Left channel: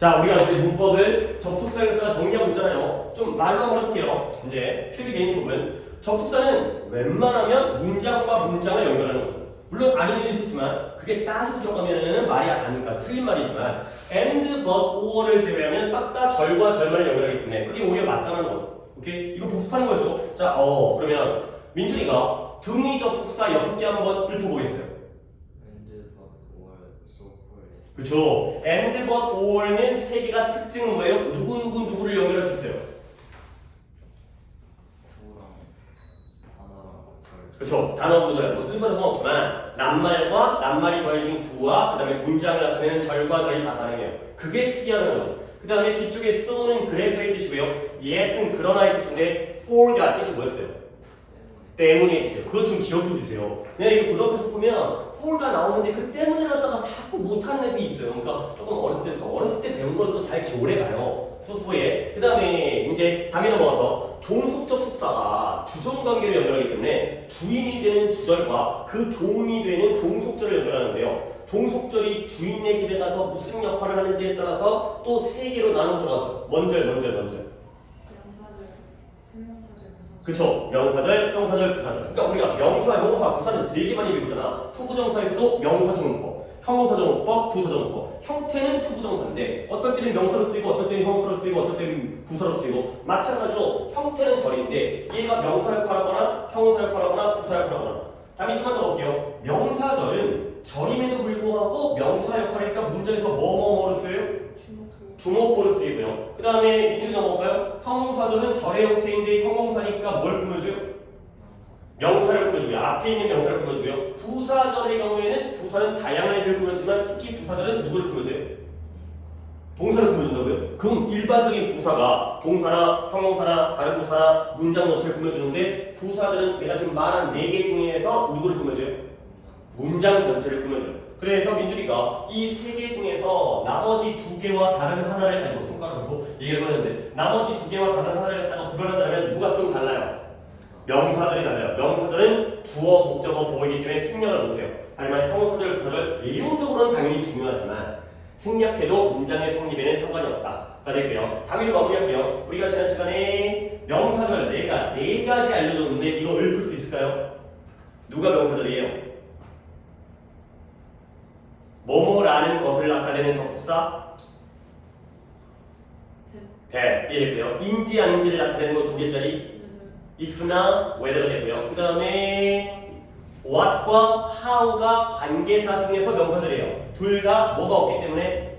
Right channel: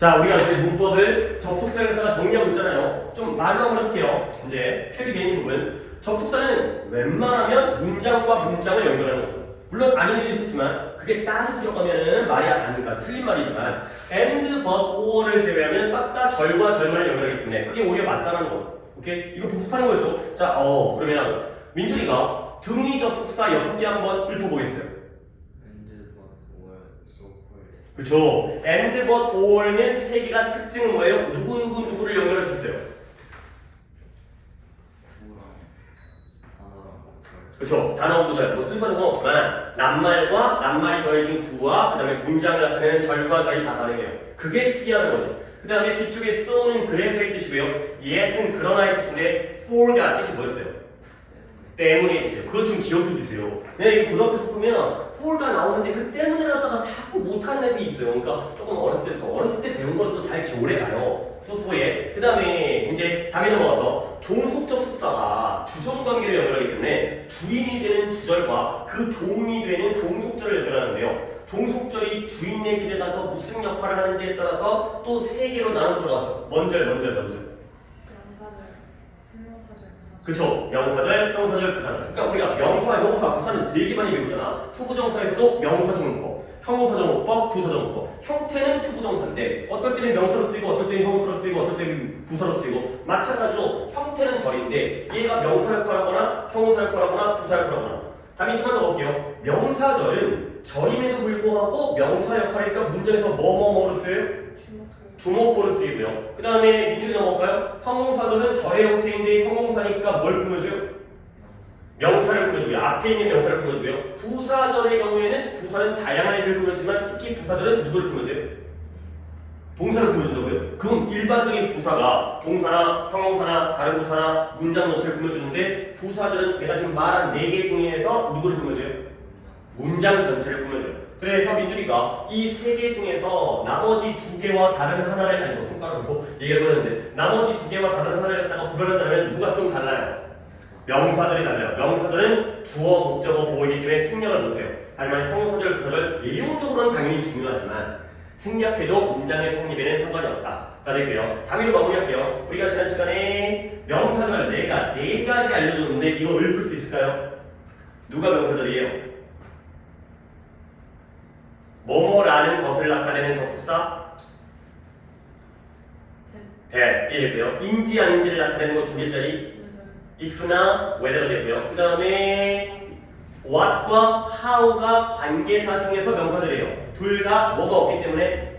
자, 우리가 이제 문법을 접속사를 갖다가 정리하고 있잖아요. 좀 말로 한번 해볼게요. 이제 필기 개인 부분. 접속사는 웬만하면 문장과 문장을 연결하는 거죠. 물론 아닌 일도 있었지만 그게 따지고 들어가면은 말이 아니니까 틀린 말이지만 and, but, or를 제외하면 싹 다 절과 절만을 연결하기 때문에 그게 오히려 맞다는 거죠. 오케이? 이거 복습하는 거죠. 자, 그러면 민준이가 등위 접속사 6개 한번 읊어보겠어요. and but or so forth. 그쵸? and, but, or는 3개가 특징은 뭐예요? 누구를 연결할 수 있어요? 구랑 단어랑 절. 그쵸? 단어 구절, 뭐 순서는 상관없지만 낱말과 낱말이 더해진 구와 그 다음에 문장을 나타내는 절과 절이 다 가능해요. 그게 특이하는 거죠. 그 다음에 뒤쪽에 so는 그래서의 뜻이고요. yes은 그러나의 뜻인데 for가 뜻이 뭐였어요? 때문에 뜻이에요. 그것 좀 기억해 주세요. 내가 이거 고등학교에서 보면 for가 나오는데 그 때문에 갖다가 자꾸 못하는 애들이 있어요. 그러니까 조금 어렸을 때 배운 거는 또 잘 오래 가요. 소소에. 그 다음에 이제 당연히 넘어가서 종속 접속사가 주종 관계를 연결하기 때문에 주인이 되는 주절과 그 종이 되는 종속절을 연결하는데요. 종속절이 주인의 길에 가서 무슨 역할을 하는지에 따라서 또 3개로 나눠 들어갔죠. 먼저. 명사절, 형용사절, 부사절. 그쵸? 명사절, 형사절, 부사절. 그러니까 우리가 명사, 형용사, 부사는 되게 많이 배우잖아. 투부정사에서도 명사정문법, 형용사정문법, 부사정문법. 형태는 투부정사인데 어떨 때는 명사로 쓰이고 어떨 때는 형용사로 쓰이고 어떨 때는 부사로 쓰이고 마찬가지로 형태는 절인데 얘가 명사 역할하거나 형용사 역할하거나 부사 역할하거나 답이 좀만 더 볼게요. 명사절은 절임에도 불구하고 명사 역할이니까 문장에서 뭐로 쓰여요? 주목보를 쓰이고요. 그 다음에 민준이 넘어갈까요? 형용사절은 절의 형태인데 형용사니까 뭘 꾸며줘요? 명사를 꾸며주고요. 앞에 있는 명사를 꾸며주고요. 부사절의 경우에는 부사는 다양한 애들을 꾸며주지만 특히 부사절은 누구를 꾸며줘요? 동사를 꾸며준다고요? 그럼 일반적인 부사가 동사나 형용사나 다른 부사나 문장 전체를 꾸며주는데 부사절은 내가 지금 말한 4개 중에서 누구를 꾸며줘요? 문장 전체를 꾸며줘요. 그래서 민준이가 이 3개 중에서 나머지 2개와 다른 하나를 아니 손가락으로 얘기해보는데 나머지 2개와 다른 하나를 갖다가 구별한다면 누가 좀 달라요? 명사절이 달라요. 명사절은 주어, 목적어, 보호이기 때문에 생략을 못해요. 하지만 형용사절, 부사절 내용적으로는 당연히 중요하지만 생략해도 문장의 성립에는 상관이 없다가 되고요. 당연히 마무리할게요. 우리가 지난 시간에 명사절 4가지 알려줬는데 이거 읊을 수 있을까요? 누가 명사절이에요? 뭐뭐라는 것을 나타내는 접속사 that이고요. 인지 아닌지를 나타내는 거 2개짜리 if나 whether가 되고요. 그 다음에 what과 how가 관계사 중에서 명사절이에요. 둘 다 뭐가 없기 때문에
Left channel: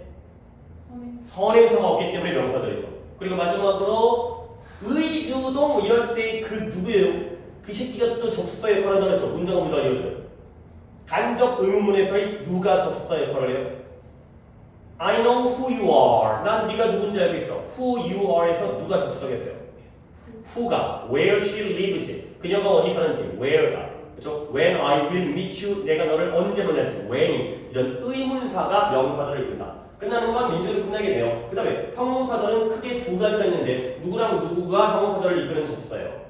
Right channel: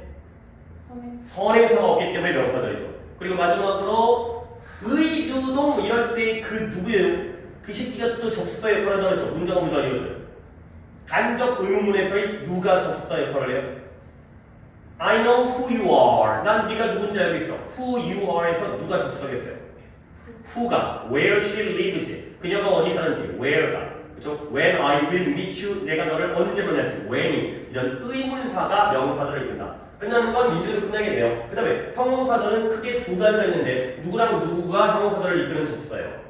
선행사가 없기 때문에 명사절이죠. 그리고 마지막으로 의주동 이럴 때 그 누구예요? 그 새끼가 또 접속사 역할을 한다고 했죠. 문장과 문장을 이어줘요. 간접 의문문에서의 누가 접속사 역할을 해요? I know who you are. 난 네가 누군지 알고 있어. Who you are에서 누가 접속했어요? Who가 where she lives. 그녀가 어디 사는지 where가. 그렇죠? When I will meet you. 내가 너를 언제 만날지 when이. 이런 의문사가 명사절을 이끈다. 끝나는 건 민준으로 끝나겠네요. 그 다음에 형용사절은 크게 2가지가 있는데 누구랑 누구가 형용사절을 이끄는 접속사예요?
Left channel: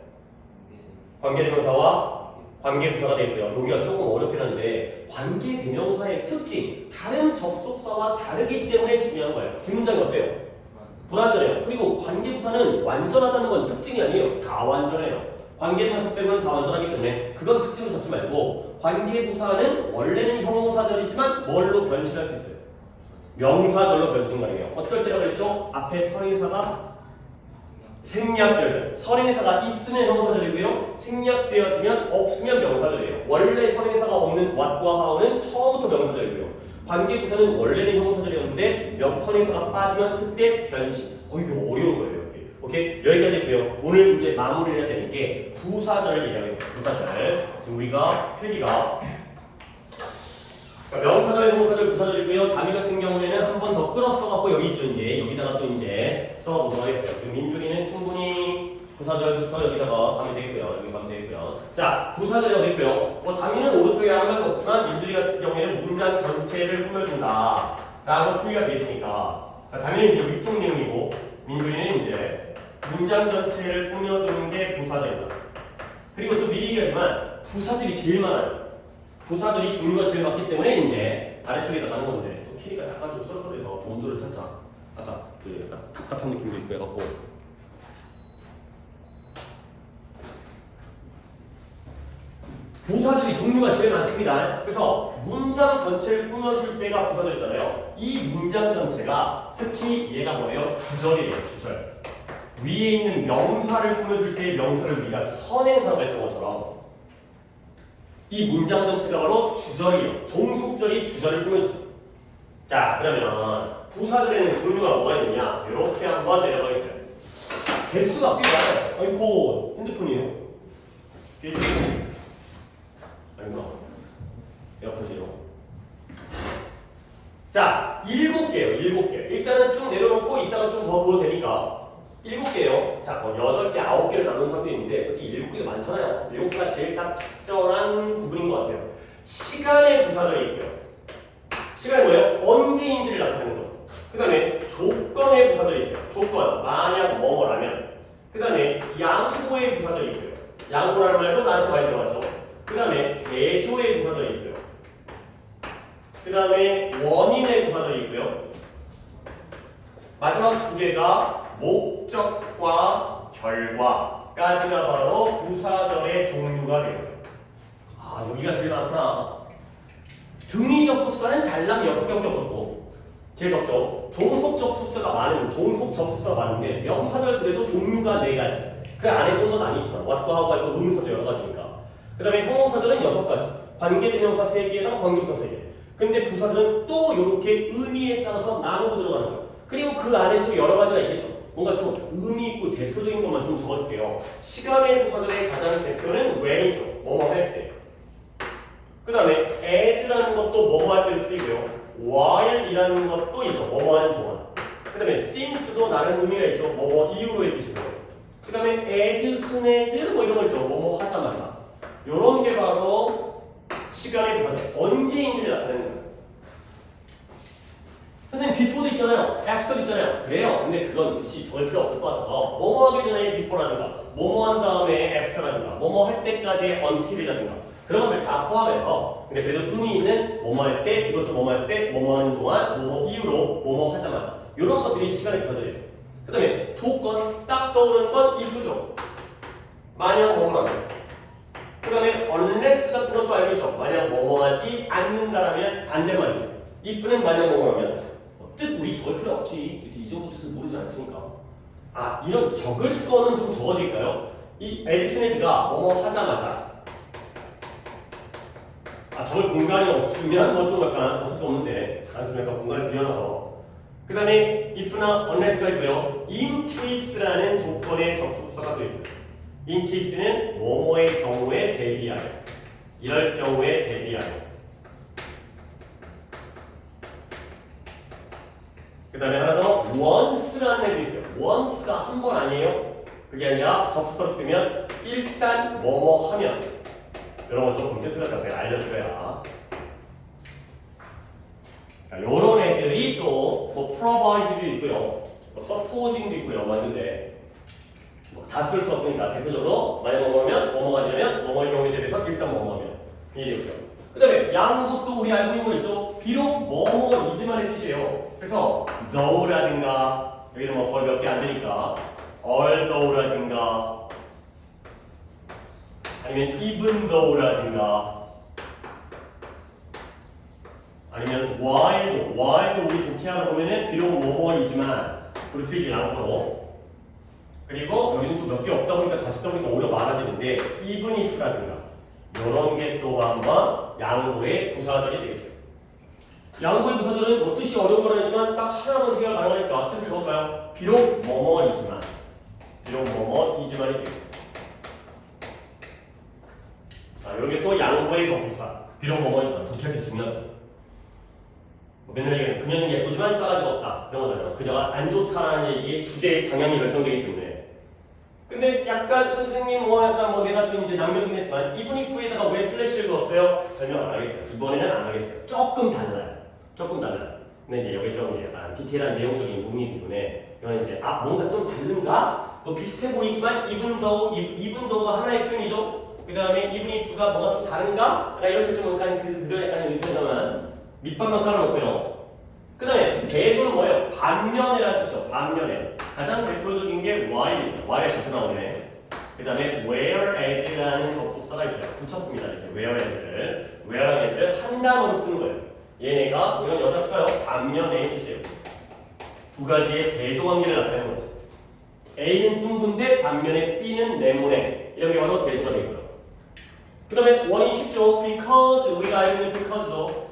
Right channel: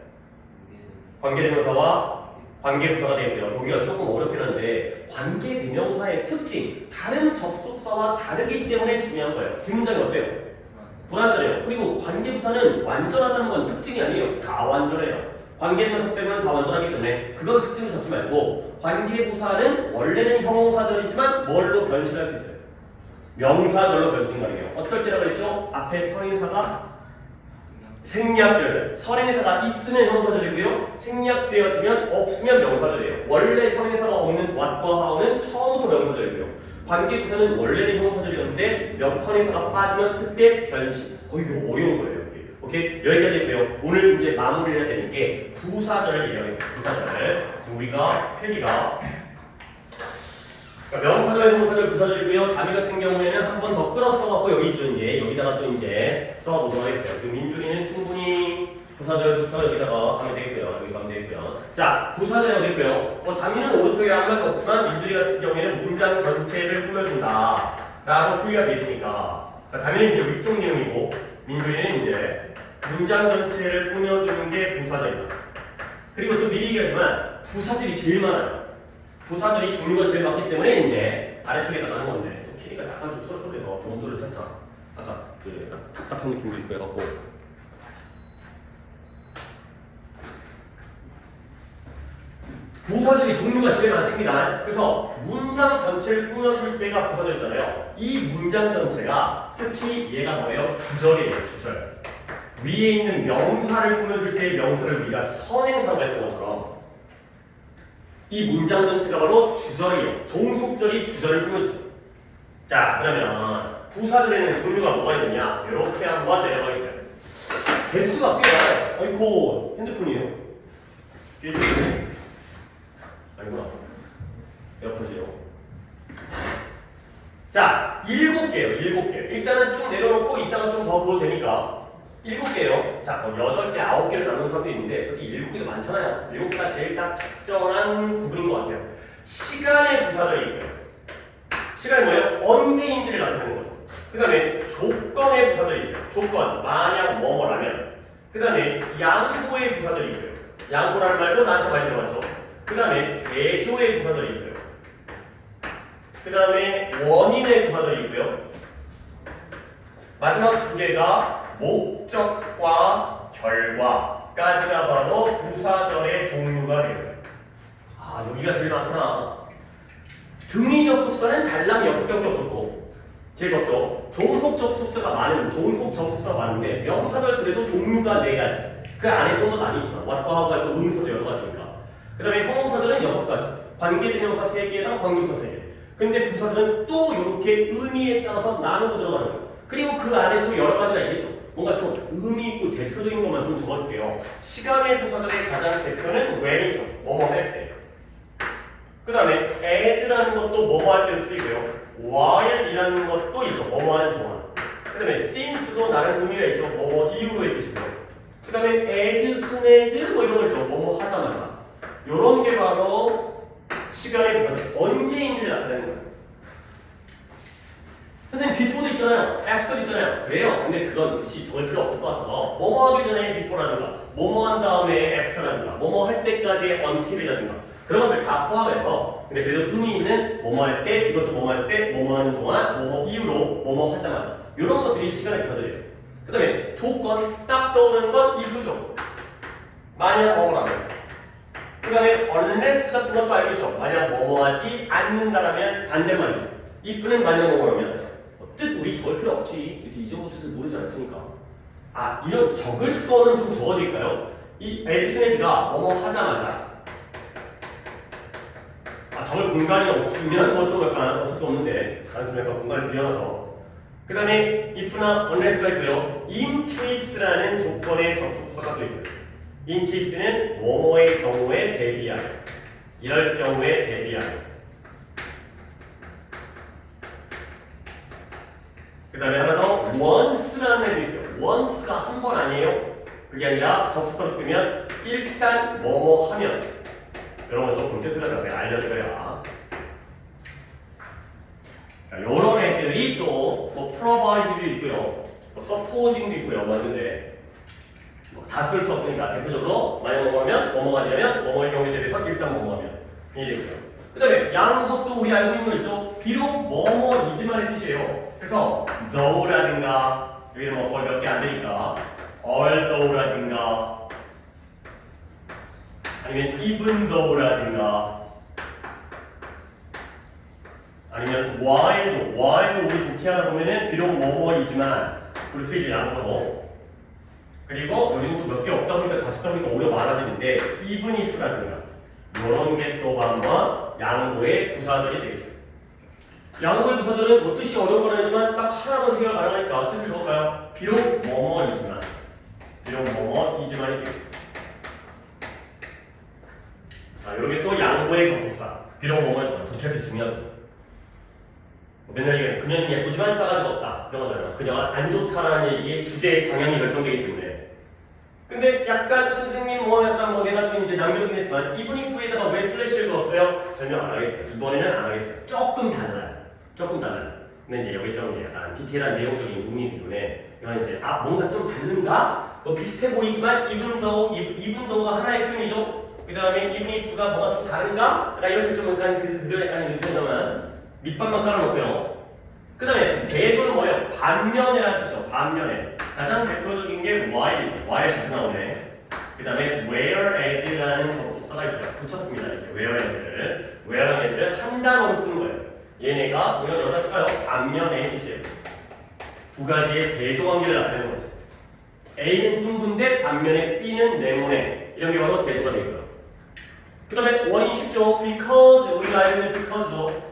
관계대명사와 관계부사가 되고요. 여기가 조금 어렵긴 한데 관계대명사의 특징, 다른 접속사와 다르기 때문에 중요한 거예요. 뒷문장이 어때요? 불완전해요. 그리고 관계부사는 완전하다는 건 특징이 아니에요. 다 완전해요. 관계대명사 빼고는 다 완전하기 때문에 그건 특징을 잡지 말고 관계부사는 원래는 형용사절이지만 뭘로 변신할 수 있어요? 명사절로 변신 가능해요. 어떨 때라고 그랬죠? 앞에 선인사가 생략되어져요. 선행사가 있으면 형용사절이고요. 생략되어지면 없으면 명사절이에요. 원래 선행사가 없는 what과 how는 처음부터 명사절이고요. 관계부사는 원래는 형용사절이었는데 선행사가 빠지면 그때 변신. 이거 어려운 거예요. 여기. 오케이? 여기까지 했고요. 오늘 이제 마무리를 해야 되는 게 부사절을 얘기하겠습니다. 부사절. 지금 우리가 필기가 명사절, 형용사절, 부사절이고요. 단위 같은 경우에는 한 번 더 끌어 써갖고 여기 있죠. 이제 여기다가 또 이제 써보도록 하겠어요. 그 민준이는 충분히 부사절부터 여기다가 가면 되고요. 여기 가면 되고요. 자, 부사절이 어디 있고요? 단위는 오른쪽에 한 가지 없지만 민준이 같은 경우에는 문장 전체를 꾸며준다 라고 표기가 되어 있으니까 당연히 이제 위쪽 내용이고 민준이는 이제 문장 전체를 꾸며주는 게 부사절이다. 그리고 또 미리 얘기하지만 부사절이 제일 많아요. 부사들이 종류가 제일 많기 때문에 이제 아래쪽에다 가는 건데 또 키가 약간 좀 쏠쏠해서 온도를 살짝 아까 그 약간 답답한 느낌도 있고 해갖고 부사절이 종류가 제일 많습니다. 그래서 문장 전체를 꾸며줄 때가 부사절이잖아요. 이 문장 전체가 특히 얘가 뭐예요? 주절이에요. 주절. 위에 있는 명사를 꾸며줄 때 명사를 우리가 선행사로 했던 것처럼 이 문장 전체가 바로 주절이에요. 종속절이 주절을 꾸며주죠. 자, 그러면 부사절에는 종류가 뭐가 있느냐? 이렇게 한번 내려가겠어요. 개수가 꽤 많아요. 아이고, 핸드폰이에요. 아니구나. 에어팟이요. 자, 7개예요. 7개. 일단은 쭉 내려놓고 이따가 좀 더 보도 되니까 7개요. 자, 8개, 9개를 나눈 사람도 있는데 솔직히 7개도 많잖아요. 7개가 제일 딱 적절한 구분인 것 같아요. 시간의 부사절이 있고요. 시간이 뭐예요? 언제인지를 나타내는 거죠. 그 다음에 조건의 부사절이 있어요. 조건, 만약 뭐뭐라면. 그 다음에 양보의 부사절이 있고요. 양보라는 말도 나한테 많이 들어봤죠. 그 다음에 대조의 부사절이 있고요. 그 다음에 원인의 부사절이 있고요. 마지막 두 개가 목적과 결과까지가 바로 부사절의 종류가 되겠어요. 아, 여기가 제일 많구나. 등위 접속사는 달랑 6개밖에 없었고 제일 적죠. 종속 접속사가 많은데 명사절 그래도 종류가 4가지. 그 안에 좀 더 나뉘지만 what과 how가 있고 동사도 여러 가지니까. 그 다음에 형용사절은 6가지. 관계대명사 3개에다가 관계부사 3개. 근데 부사절은 또 이렇게 의미에 따라서 나누고 들어가는 거예요. 그리고 그 안에 또 여러 가지가 있겠죠. 뭔가 좀 의미 있고 대표적인 것만 좀 적어줄게요. 시간의 부사절의 가장 대표는 when이죠. 뭐뭐 할 때. 그 다음에 as라는 것도 뭐뭐 할 때 쓰이고요. while이라는 것도 있죠. 뭐뭐 하는 동안. 그 다음에 since도 나름 의미가 있죠. 뭐뭐 이후로의 뜻이고요. 그 다음에 as, soon as 뭐 이런 거 있죠. 뭐뭐 하자마자. 요런 게 바로 시간의 부사절, 언제인지를 나타내는 거예요. 선생님, before도 있잖아요. after도 있잖아요. 그래요. 근데 그건 굳이 적을 필요 없을 것 같아서 뭐뭐 하기 전에 before라든가 뭐뭐 한 다음에 after라든가 뭐뭐 할 때까지의 until이라든가 그런 것들 다 포함해서 근데 그래도 의미 있는 뭐뭐 할 때, 이것도 뭐뭐 할 때, 뭐뭐 하는 동안, 뭐뭐 이후로, 뭐뭐 하자마자 이런 것들이 시간의 부사절이에요. 그 다음에 조건, 딱 떠오르는 건 if죠. 만약 뭐뭐라면. 그 다음에 unless 같은 것도 알겠죠. 만약 뭐뭐 하지 않는다라면 반대말이죠. if는 만약 뭐뭐라면 뜻 우리 적을 필요 없지. 그치? 이 정도 뜻을 모르지 않을 테니까. 아, 이런 적을 거는 좀 적어드릴까요? 이 에디슨에즈가 뭐뭐 하자마자 적을 공간이 없으면 뭐 좀 약간 어쩔 수 없는데 나는 좀 약간 공간을 비워놔서 그 다음에 if나 unless가 있고요. in case라는 조건의 접속사가 또 있어요. in case는 뭐뭐의 경우에 대비하여 이럴 경우에 대비하여 그 다음에 하나 더 once라는 애도 있어요. once가 한 번 아니에요. 그게 아니라 접속사를 쓰면 일단 뭐뭐 하면 이런 건 조금 뜻을 내가 알려드려야. 이런 애들이 또 뭐 provide도 있고요, 뭐 supposing도 있고요, 맞는데 다 쓸 수 없으니까 대표적으로 만약 뭐뭐하면 뭐뭐가 되면 뭐뭐의 경우에 대해서 일단 뭐뭐하면 이게 되고요. 그 다음에 양것도 우리 알고 있는 거 있죠. 비록 뭐뭐이지만의 뜻이에요. 그래서 though라든가 여기는 뭐 거의 몇 개 안 되니까 although라든가 아니면 even though라든가 아니면 while도 우리 독해하다 보면은 비록 뭐뭐이지만 우리 쓰이지 양보로 그리고 여기는 또 몇 개 없다 보니까 다 쓰다 보니까 오히려 많아지는데 even if라든가 이런 게 또 한번 양보의 부사절이 되겠어요. 양보의 부사절은 뭐 뜻이 어려운 건 아니지만 딱 하나로 해결 가능하니까 뜻을 적을까요? 비록 뭐뭐이지만이 되겠어요. 자, 이런 게 또 양보의 접속사. 비록 뭐뭐이지만 독해할 때 중요하죠. 맨날 얘기하는 그녀는 예쁘지만 싸가지가 없다 이런 거잖아요. 그녀가 안 좋다라는 얘기의 주제의 방향이 결정되기 때문에. 근데 약간 선생님 뭐 약간 뭐 내가 또 이제 남겨두긴 했지만 even if에다가 왜 슬래시를 넣었어요? 설명 안 하겠어요. 이번에는 안 하겠어요. 조금 달라요. 근데 이제 여기 좀 약간 디테일한 내용적인 부분이기 때문에 이건 이제 뭔가 좀 다른가? 뭐 비슷해 보이지만 even though가 하나의 표현이죠. 그 다음에 even if가 뭐가 좀 다른가? 이렇게 좀 약간 약간 의견만 밑밥만 깔아놓고요. 그 다음에 대조는 뭐예요? 반면에라는 뜻이죠. 반면에. 가장 대표적인 게 while이죠. while 자주 나오네. 그 다음에 whereas라는 접속사가 있어요. 붙였습니다. 이렇게 whereas를 한 단어로 쓰는 거예요. 얘네가 이건 여기다 쓸까요? 반면에 뜻이에요. 두 가지의 대조 관계를 나타내는 거죠. A는 둥근데 반면에 B는 네모네. 이런 게 바로 대조가 되고요. 그 다음에 원인이 쉽죠. because 우리가 알고 있는 because죠.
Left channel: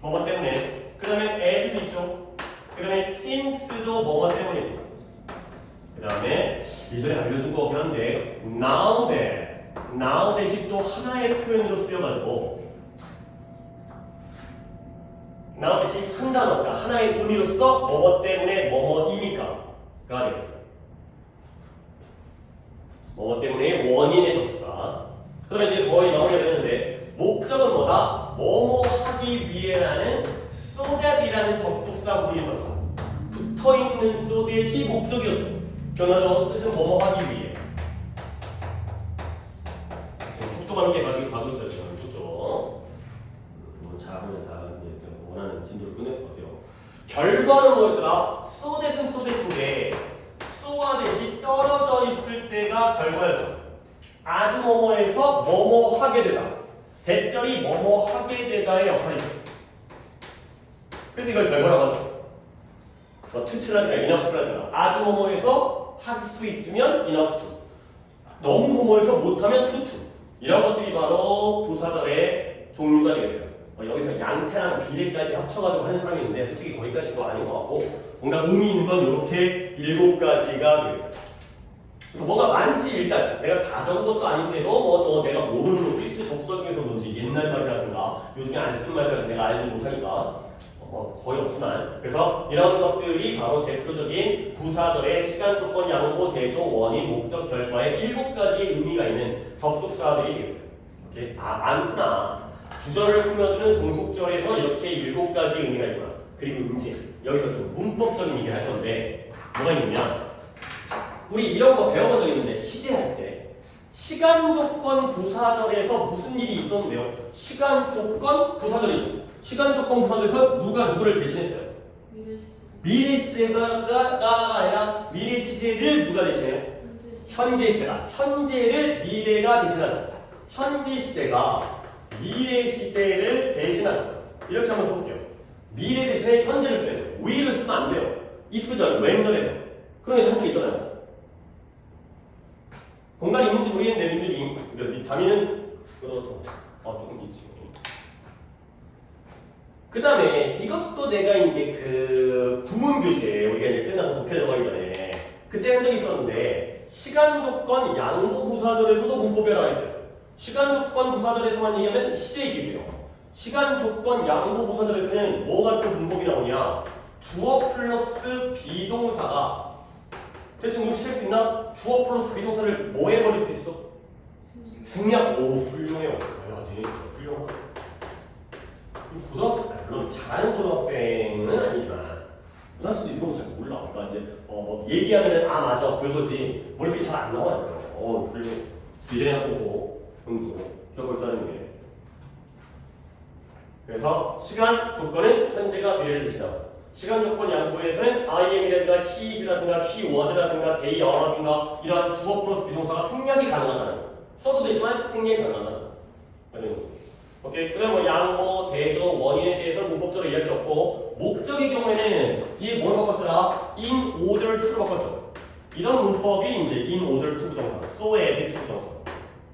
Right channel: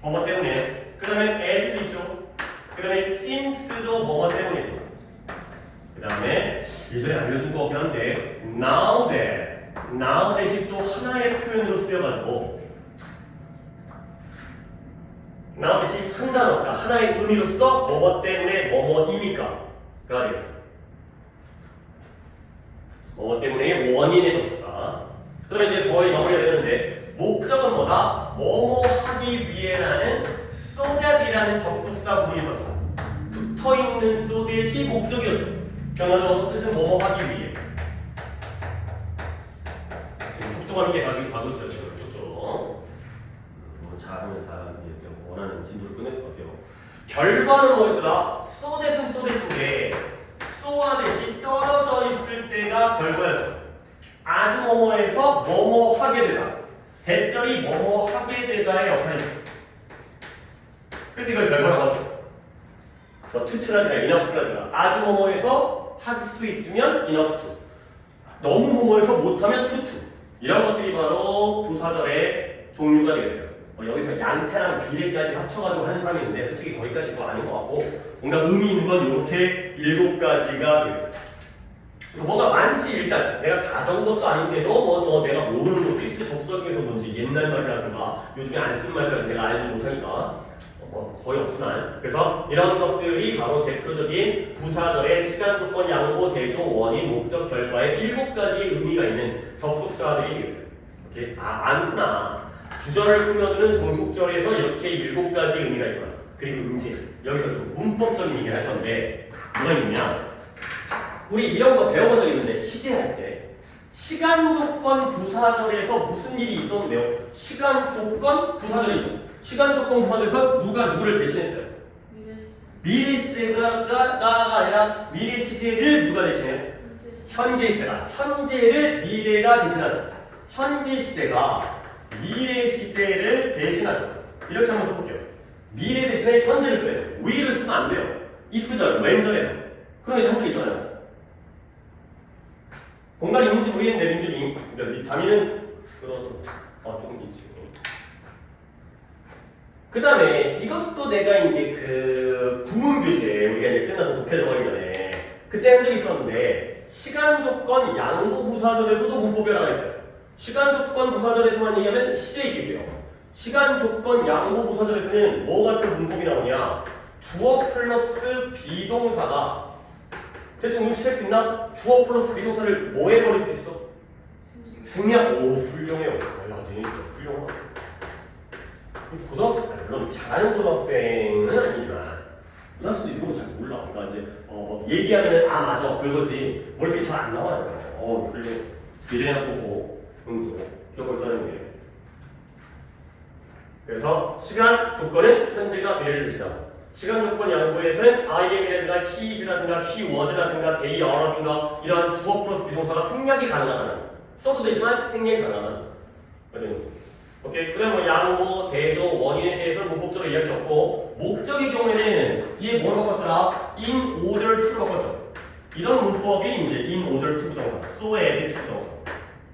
뭐뭐 때문에. 그 다음에 as도 있죠. 그 다음에 since도 뭐뭐 때문이죠. 그 다음에 예전에 알려준 거 같긴 한데 now that이 또 하나의 표현으로 쓰여가지고 now that이 한 단어, 그러니까 하나의 의미로서 뭐뭐 때문에 뭐뭐이니까 가 되겠습니다. 뭐뭐 때문에 원인의 접수사. 그 다음에 이제 거의 마무리가 되는데 목적은 뭐다? 뭐뭐 하기 위해라는 so that이라는 접속사 부분이 있었죠. 붙어있는 so that이 목적이었죠. 변화적으로 뜻은 뭐뭐 하기 위해. 지금 속도감 있게 가고 있어요. 쭉쭉. 잘하면 다 원하는 진도를 끝냈을 것 같아요. 결과는 뭐였더라? so that은 so that인데 so와 that이 떨어져 있을 때가 결과였죠. 아주 뭐뭐에서 뭐뭐 하게 되다. 대절이 뭐뭐 하게 되다의 역할이죠. 그래서 이걸 결과라고 하죠. 뭐 투투라든가 이너스투라든가 아주 뭐뭐에서 할 수 있으면 이너스투, 너무 뭐뭐에서 못하면 투투. 이런 것들이 바로 부사절의 종류가 되겠어요. 여기서 양태랑 비례까지 합쳐가지고 하는 사람이 있는데 솔직히 거기까지도 아닌 것 같고 뭔가 의미 있는 건 이렇게 7가지가 되겠어요. 뭐가 많지 일단 내가 다 적은 것도 아닌데도 뭐 내가 모르는 것도 있을 접수사 중에서 뭔지 옛날 말이라든가 요즘에 안 쓰는 말까지 내가 알지 못하니까 거의 없지만 그래서 이런 것들이 바로 대표적인 부사절의 시간, 조건, 양보, 대조, 원인, 목적, 결과의 7가지의 의미가 있는 접속사들이 되겠어요. 이렇게 많구나. 주절을 꾸며주는 종속절에서 이렇게 7가지 의미가 있구나. 그리고 음질 여기서 좀 문법적인 얘기를 할 건데 뭐가 있느냐? 우리 이런 거 배워본 적 있는데 시제할 때 시간 조건 부사절에서 무슨 일이 있었는데요? 시간 조건 부사절이죠. 시간 조건 부사절에서 누가 누구를 대신했어요? 미래 시제가 아니라 미래 시제를 누가 대신해요? 현재 시제가 현재를 미래가 대신하죠. 현재 시제가 미래 시제를 대신하죠. 이렇게 한번 써볼게요. 미래 대신에 현재를 써야 돼요. will을 쓰면 안 돼요. if절, when절에서. 그럼 이제 한적 있잖아요. 공간이 있는지 모르겠는데 민준이 그러니까 단위는 그렇고 조금 있지. 그 다음에 이것도 내가 이제 그 구문교재 우리가 이제 끝나서 독해 들어가기 전에 그때 한 적이 있었는데 시간 조건 양보 부사절에서도 문법 변화가 있어요. 시간 조건 부사절에서만 얘기하면 시제 얘기고요. 시간 조건 양보 부사절에서는 뭐가 또 문법이 나오냐? 주어 플러스 비동사가 대충 눈치챌 수 있나? 주어 플러스 비동사를 뭐 해버릴 수 있어? 생략. 오 훌륭해요. 야 진짜 훌륭하다. 고등학생, 물론 잘하는 고등학생은 아니지만 고등학생도 이런 거 잘 몰라. 그러니까 이제 뭐 얘기하면 아 맞아 그거지 머릿속에 잘 안 나와요. 훌륭해. 예전에 보고 정도 겪고 있다는 게. 그래서 시간 조건은 현재가 미래를 대신하고 시간 조건 양보에서는 I am이라든가 he is라든가 she was라든가 they are라든가 이러한 주어 플러스 비동사가 생략이 가능하다는 써도 되지만 생략이 가능하다는 오케이. 그다음 뭐 양보, 대조, 원인에 대해서 문법적으로 이야기했고 목적의 경우에는 이게 뭘 바꿨더라? in order to를 바꿨죠. 이런 문법이 이제 in order to 부정사, so as to 부정사,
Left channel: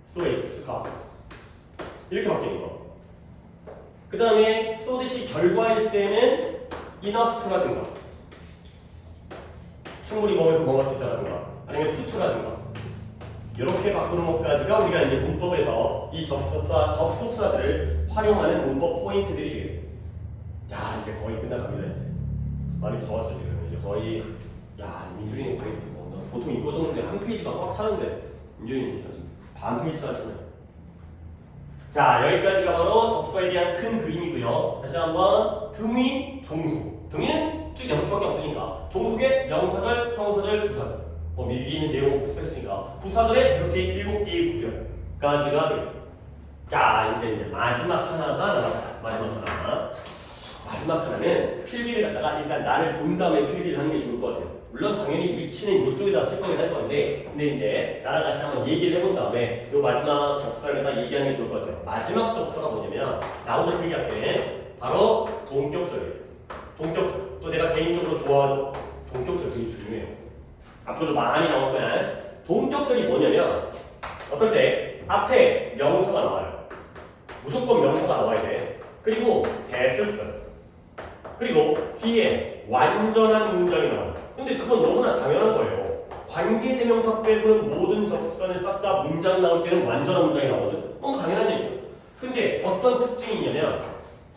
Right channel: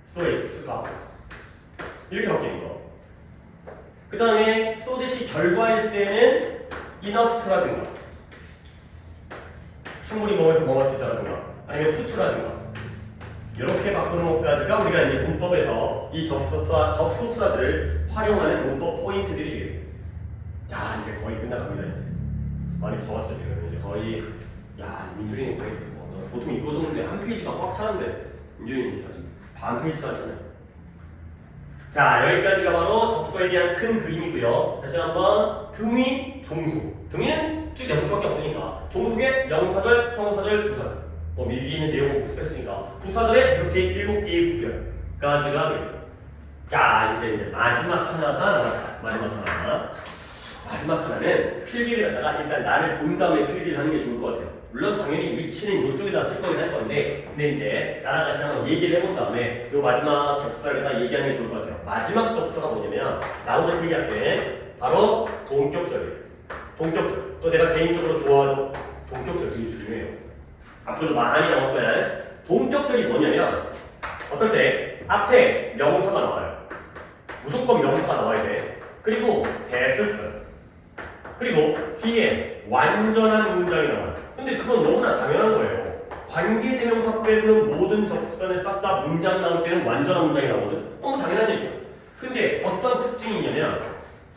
so as to가 이렇게 바뀌는 거. 그 다음에 so that이 결과일 때는 enough to라든가 충분히 뭐에서 뭐 할 수 있다라든가 아니면 to to라든가 이렇게 바꾸는 것까지가 우리가 이제 문법에서 이 접속사들을 활용하는 문법 포인트들이 되겠습니다. 야 이제 거의 끝나갑니다. 이제 많이 좋았죠 지금. 이제 거의 야 민준이는 거의 보통 이거 정도인데 한 페이지가 꽉 차는데 민준이는 아직 반 페이지도 안 차네. 자 여기까지가 바로 접속사에 대한 큰 그림이고요. 다시 한번 등위, 종속. 등위는 쭉 6개밖에 없으니까 종속의 명사절, 형용사절, 부사절. 미리 있는 내용을 복습했으니까 부사절에 이렇게 7개의 구별까지가 되겠습니다. 자 이제 마지막 하나가 남았어요. 마지막 하나. 마지막 하나는 필기를 갖다가 일단 나를 본 다음에 필기를 하는 게 좋을 것 같아요. 물론 당연히 위치는 이쪽에다 쓸 거긴 할 건데, 근데 이제 나랑 같이 한번 얘기를 해본 다음에 이 마지막 접사에다 얘기하는 게 좋을 것 같아요. 마지막 접사가 뭐냐면 나 혼자 필기할 때 바로 동격절이에요. 동격절. 또 내가 개인적으로 좋아하죠. 동격절 되게 중요해요. 앞으로도 많이 나올 거야. 동격절이 뭐냐면 어떨 때 앞에 명사가 나와요. 무조건 명사가 나와야 돼. 그리고 대를 써요. 그리고 뒤에 완전한 문장이 나와요. 근데 그건 너무나 당연한 거예요. 관계대명사 빼고는 모든 접선에 싹 다 문장 나올 때는 완전한 문장이 나오거든. 너무 당연한 얘기야. 근데 어떤 특징이 있냐면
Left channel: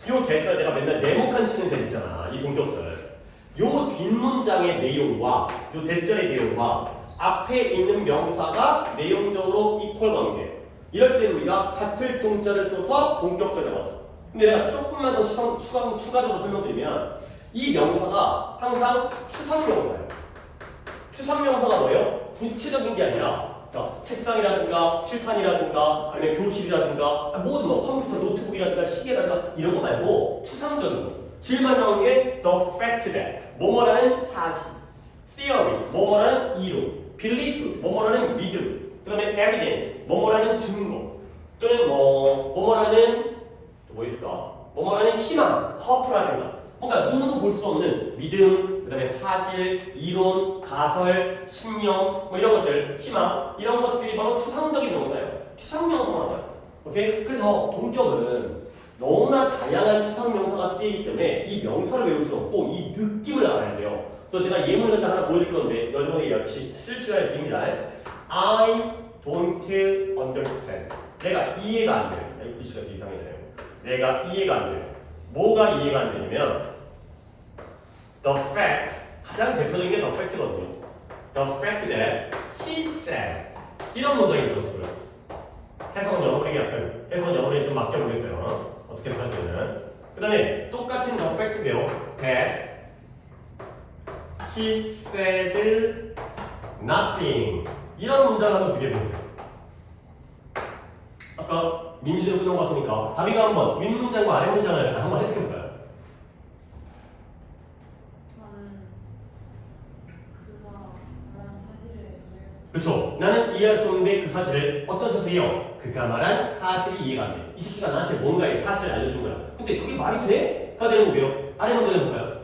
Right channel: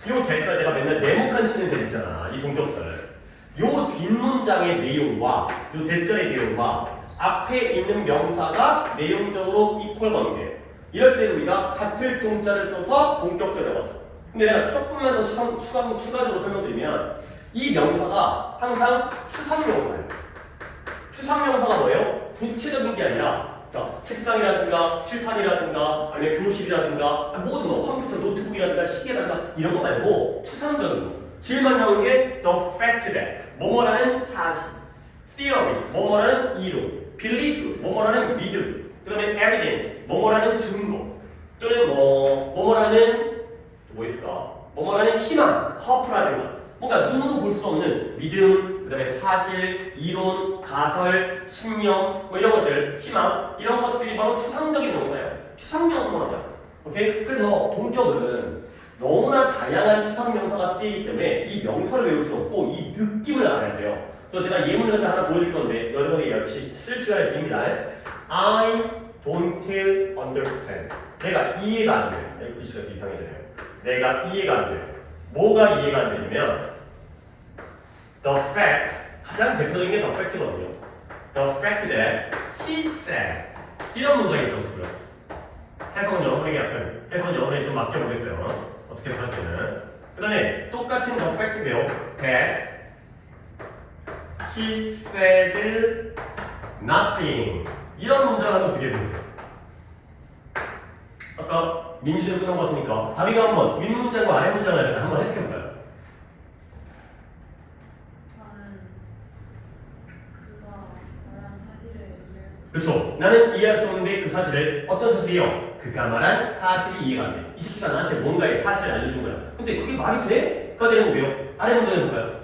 이 대자 내가 맨날 네모칸 치는 대 있잖아. 이 동격절. 요 뒷문장의 내용과 요 대절의 내용과 앞에 있는 명사가 내용적으로 이퀄 관계. 이럴 때 우리가 같을 동자를 써서 동격절이라고 하죠. 근데 내가 조금만 더 추가적으로 설명드리면 이 명사가 항상 추상명사예요. 추상명사가 뭐예요? 구체적인 게 아니라 그러니까 책상이라든가 칠판이라든가 아니면 교실이라든가 모든 뭐 컴퓨터 노트북이라든가 시계라든가 이런 거 말고 추상적인 거. 질만 나오는 게 the fact that 뭐뭐라는 사실, theory 뭐뭐라는 이론, belief 뭐뭐라는 믿음, 그다음에 evidence 뭐뭐라는 증거, 또는 뭐뭐라는 뭐 있을까? 뭐뭐라는 희망, hope라든가 뭔가 눈으로 볼 수 없는 믿음, 그다음에 사실, 이론, 가설, 신념 뭐 이런 것들, 희망 이런 것들이 바로 추상적인 명사예요. 추상명사만 하죠. 오케이? 그래서 동격은 너무나 다양한 추상명사가 쓰이기 때문에 이 명사를 외울 수 없고 이 느낌을 알아야 돼요. 그래서 내가 예문을 갖다 하나 보여드릴 건데 여러분이 역시 쓸 시간을 드립니다. I don't understand. 내가 이해가 안 돼요. 이 글씨가 이상해져요. 내가 이해가 안 돼요. 뭐가 이해가 안 되냐면 the fact, 가장 대표적인 게 the fact거든요. The fact that he said 이런 문장이 들어있고요. 해석은 영어에게 해석은 영어에 좀 맡겨보겠어요. 어떻게 해석할지는. 그 다음에 똑같은 the fact인데요. that he said nothing 이런 문장을 한번 비교해보세요. 아까 민지대로 끝난 것 같으니까 다비가 한번 윗문장과 아랫문장을 한번 해석해볼까요? 그렇죠. 나는 이해할 수 없는데 그 사실을 어떤 사실이요? 그가 말한 사실이 이해가 안 돼. 이 새끼가 나한테 뭔가의 사실을 알려준 거야. 근데 그게 말이 돼? 가 되는 거고요. 아래 문장 해볼까요?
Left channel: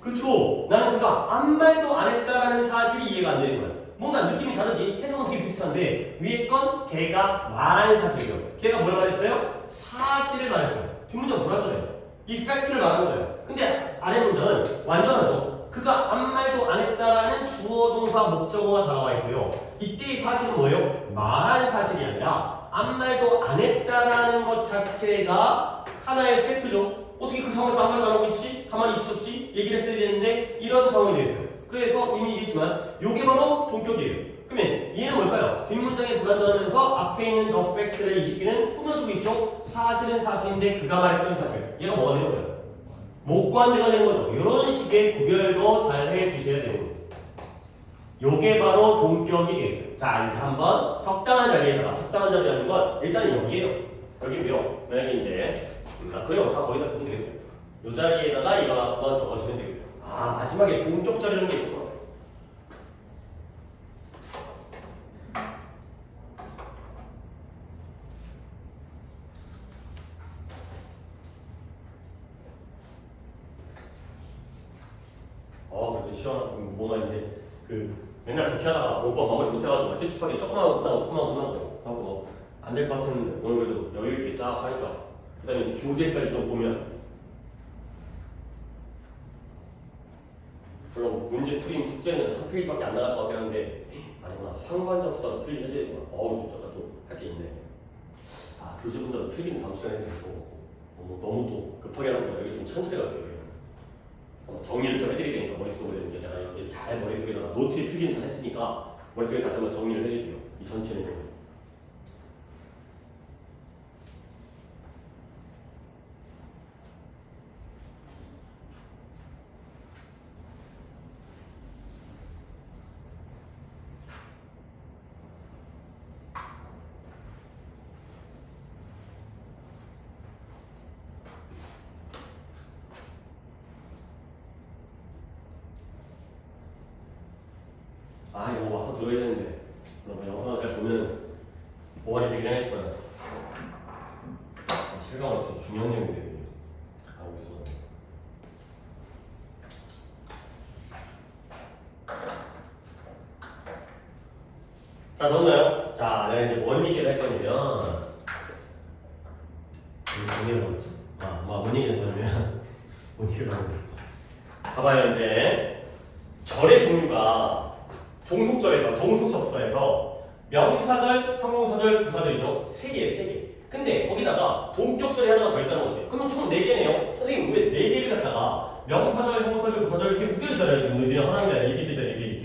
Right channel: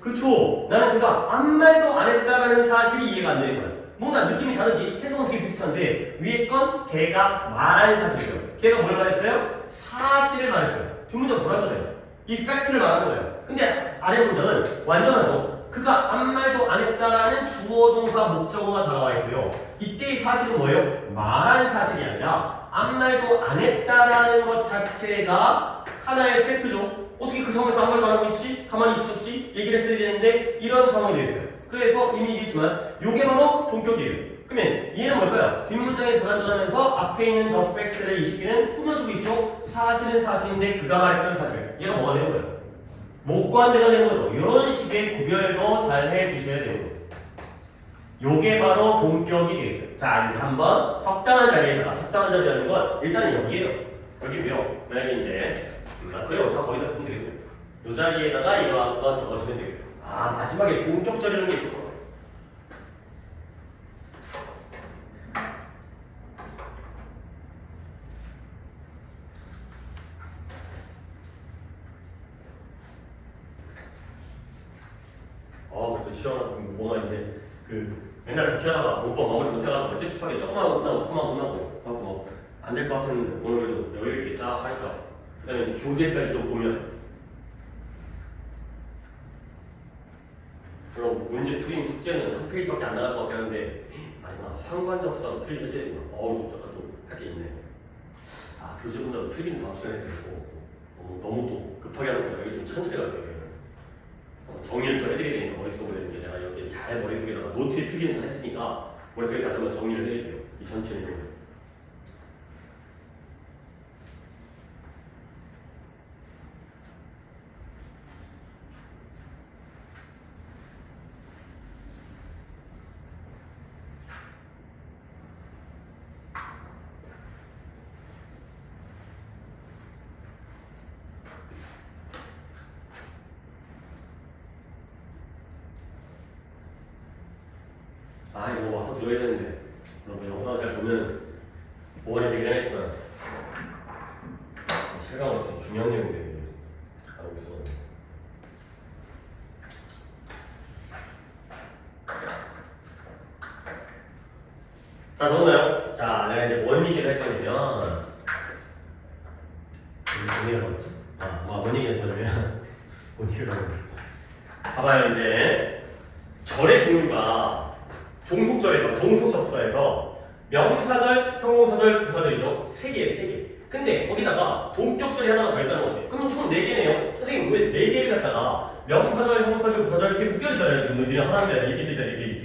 그렇죠. 나는 그가 아무 말도 안 했다라는 사실이 이해가 안 되는 거야. 뭔가 느낌이 다르지? 해석은 되게 비슷한데 위에 건 걔가 말한 사실이고 걔가 뭘 말했어요? 사실을 말했어요. 뒷문장 불안전해요. 이 팩트를 말하는 거예요. 근데 아래 문장은 완전하죠. 그가 아무 말도 안 했다라는 주어 동사 목적어가 다 나와 있고요. 이때의 사실은 뭐예요? 말한 사실이 아니라 아무 말도 안 했다라는 것 자체가 하나의 팩트죠. 어떻게 그 상황에서 아무 말도 안 하고 있지? 가만히 있었지? 얘기를 했어야 되는데 이런 상황이 되어 있어요. 그래서 이미 얘기했지만 이게 바로 동격이에요. 그러면 얘는 뭘까요? 뒷문장에 불안전하면서 앞에 있는 the fact를 이 시기는 꾸며주고 있죠. 사실은 사실인데 그가 말했던 사실. 얘가 뭐가 되는 거예요? 목관대가 되는 거죠. 이런 식의 구별도 잘 해주셔야 되는 거예요. 요게 바로 동격이 되겠어요. 자, 이제 한번 적당한 자리에다가 적당한 자리라는 건 일단은 여기에요. 여기고요. 만약에 이제 그래요. 다 거기다 쓰면 되겠네요. 요 자리에다가 이거 한번 적어주면 되겠어요. 아, 마지막에 동격절이라는 게 있을 거예요. 그래도 시원한 뭐나 이제 맨날 그렇게 하다가 못봐 마무리 못해가지고 찝찝하게 조금만 끝나고 조금만 끝나고 하고 안 될 것 같은 오늘도 여유 있게 쫙 하니까 그다음에 이제 교재까지 좀 보면 물론 문제 풀인 숙제는 한 페이지밖에 안 나갈 것 같긴 한데 아니구나 상관접사도 필기 해줘야 되구나. 잠깐 또 할 게 있네. 교재 분들은 필기는 다음 시간에 되고 너무 또 급하게 하는 거 여기 좀 천천히 갈게요. 정리를 또 해드려야 되니까 머릿속에 이제 내가 여기 잘 머릿속에다가 노트에 필기는 잘 했으니까 머릿속에 다시 한번 정리를 해드릴게요. 이 전체 내용을. 아 이거 와서 들어야 되는데 뭐 영상을 잘 보면 보완이 되긴 하겠지만 실감은 되게 중요한 내용인데 알고 있어. 자 적었나요? 자 내가 이제 뭔 얘기를 할 거냐면 뭔 얘기를 하고 있지? 뭔 얘기를 하냐면 뭔 얘기를 하고 봐봐요. 이제 절의 종류가 종속절에서 종속접사에서 명사절, 형용사절, 부사절이죠. 세 개. 근데 거기다가 동격절이 하나가 더 있다는 거지. 그러면 총 4개네요. 선생님 왜 4개를 갖다가 명사절, 형용사절, 부사절 이렇게 묶여있잖아요. 지금 너희들이 하나인 게 아니라 이렇게.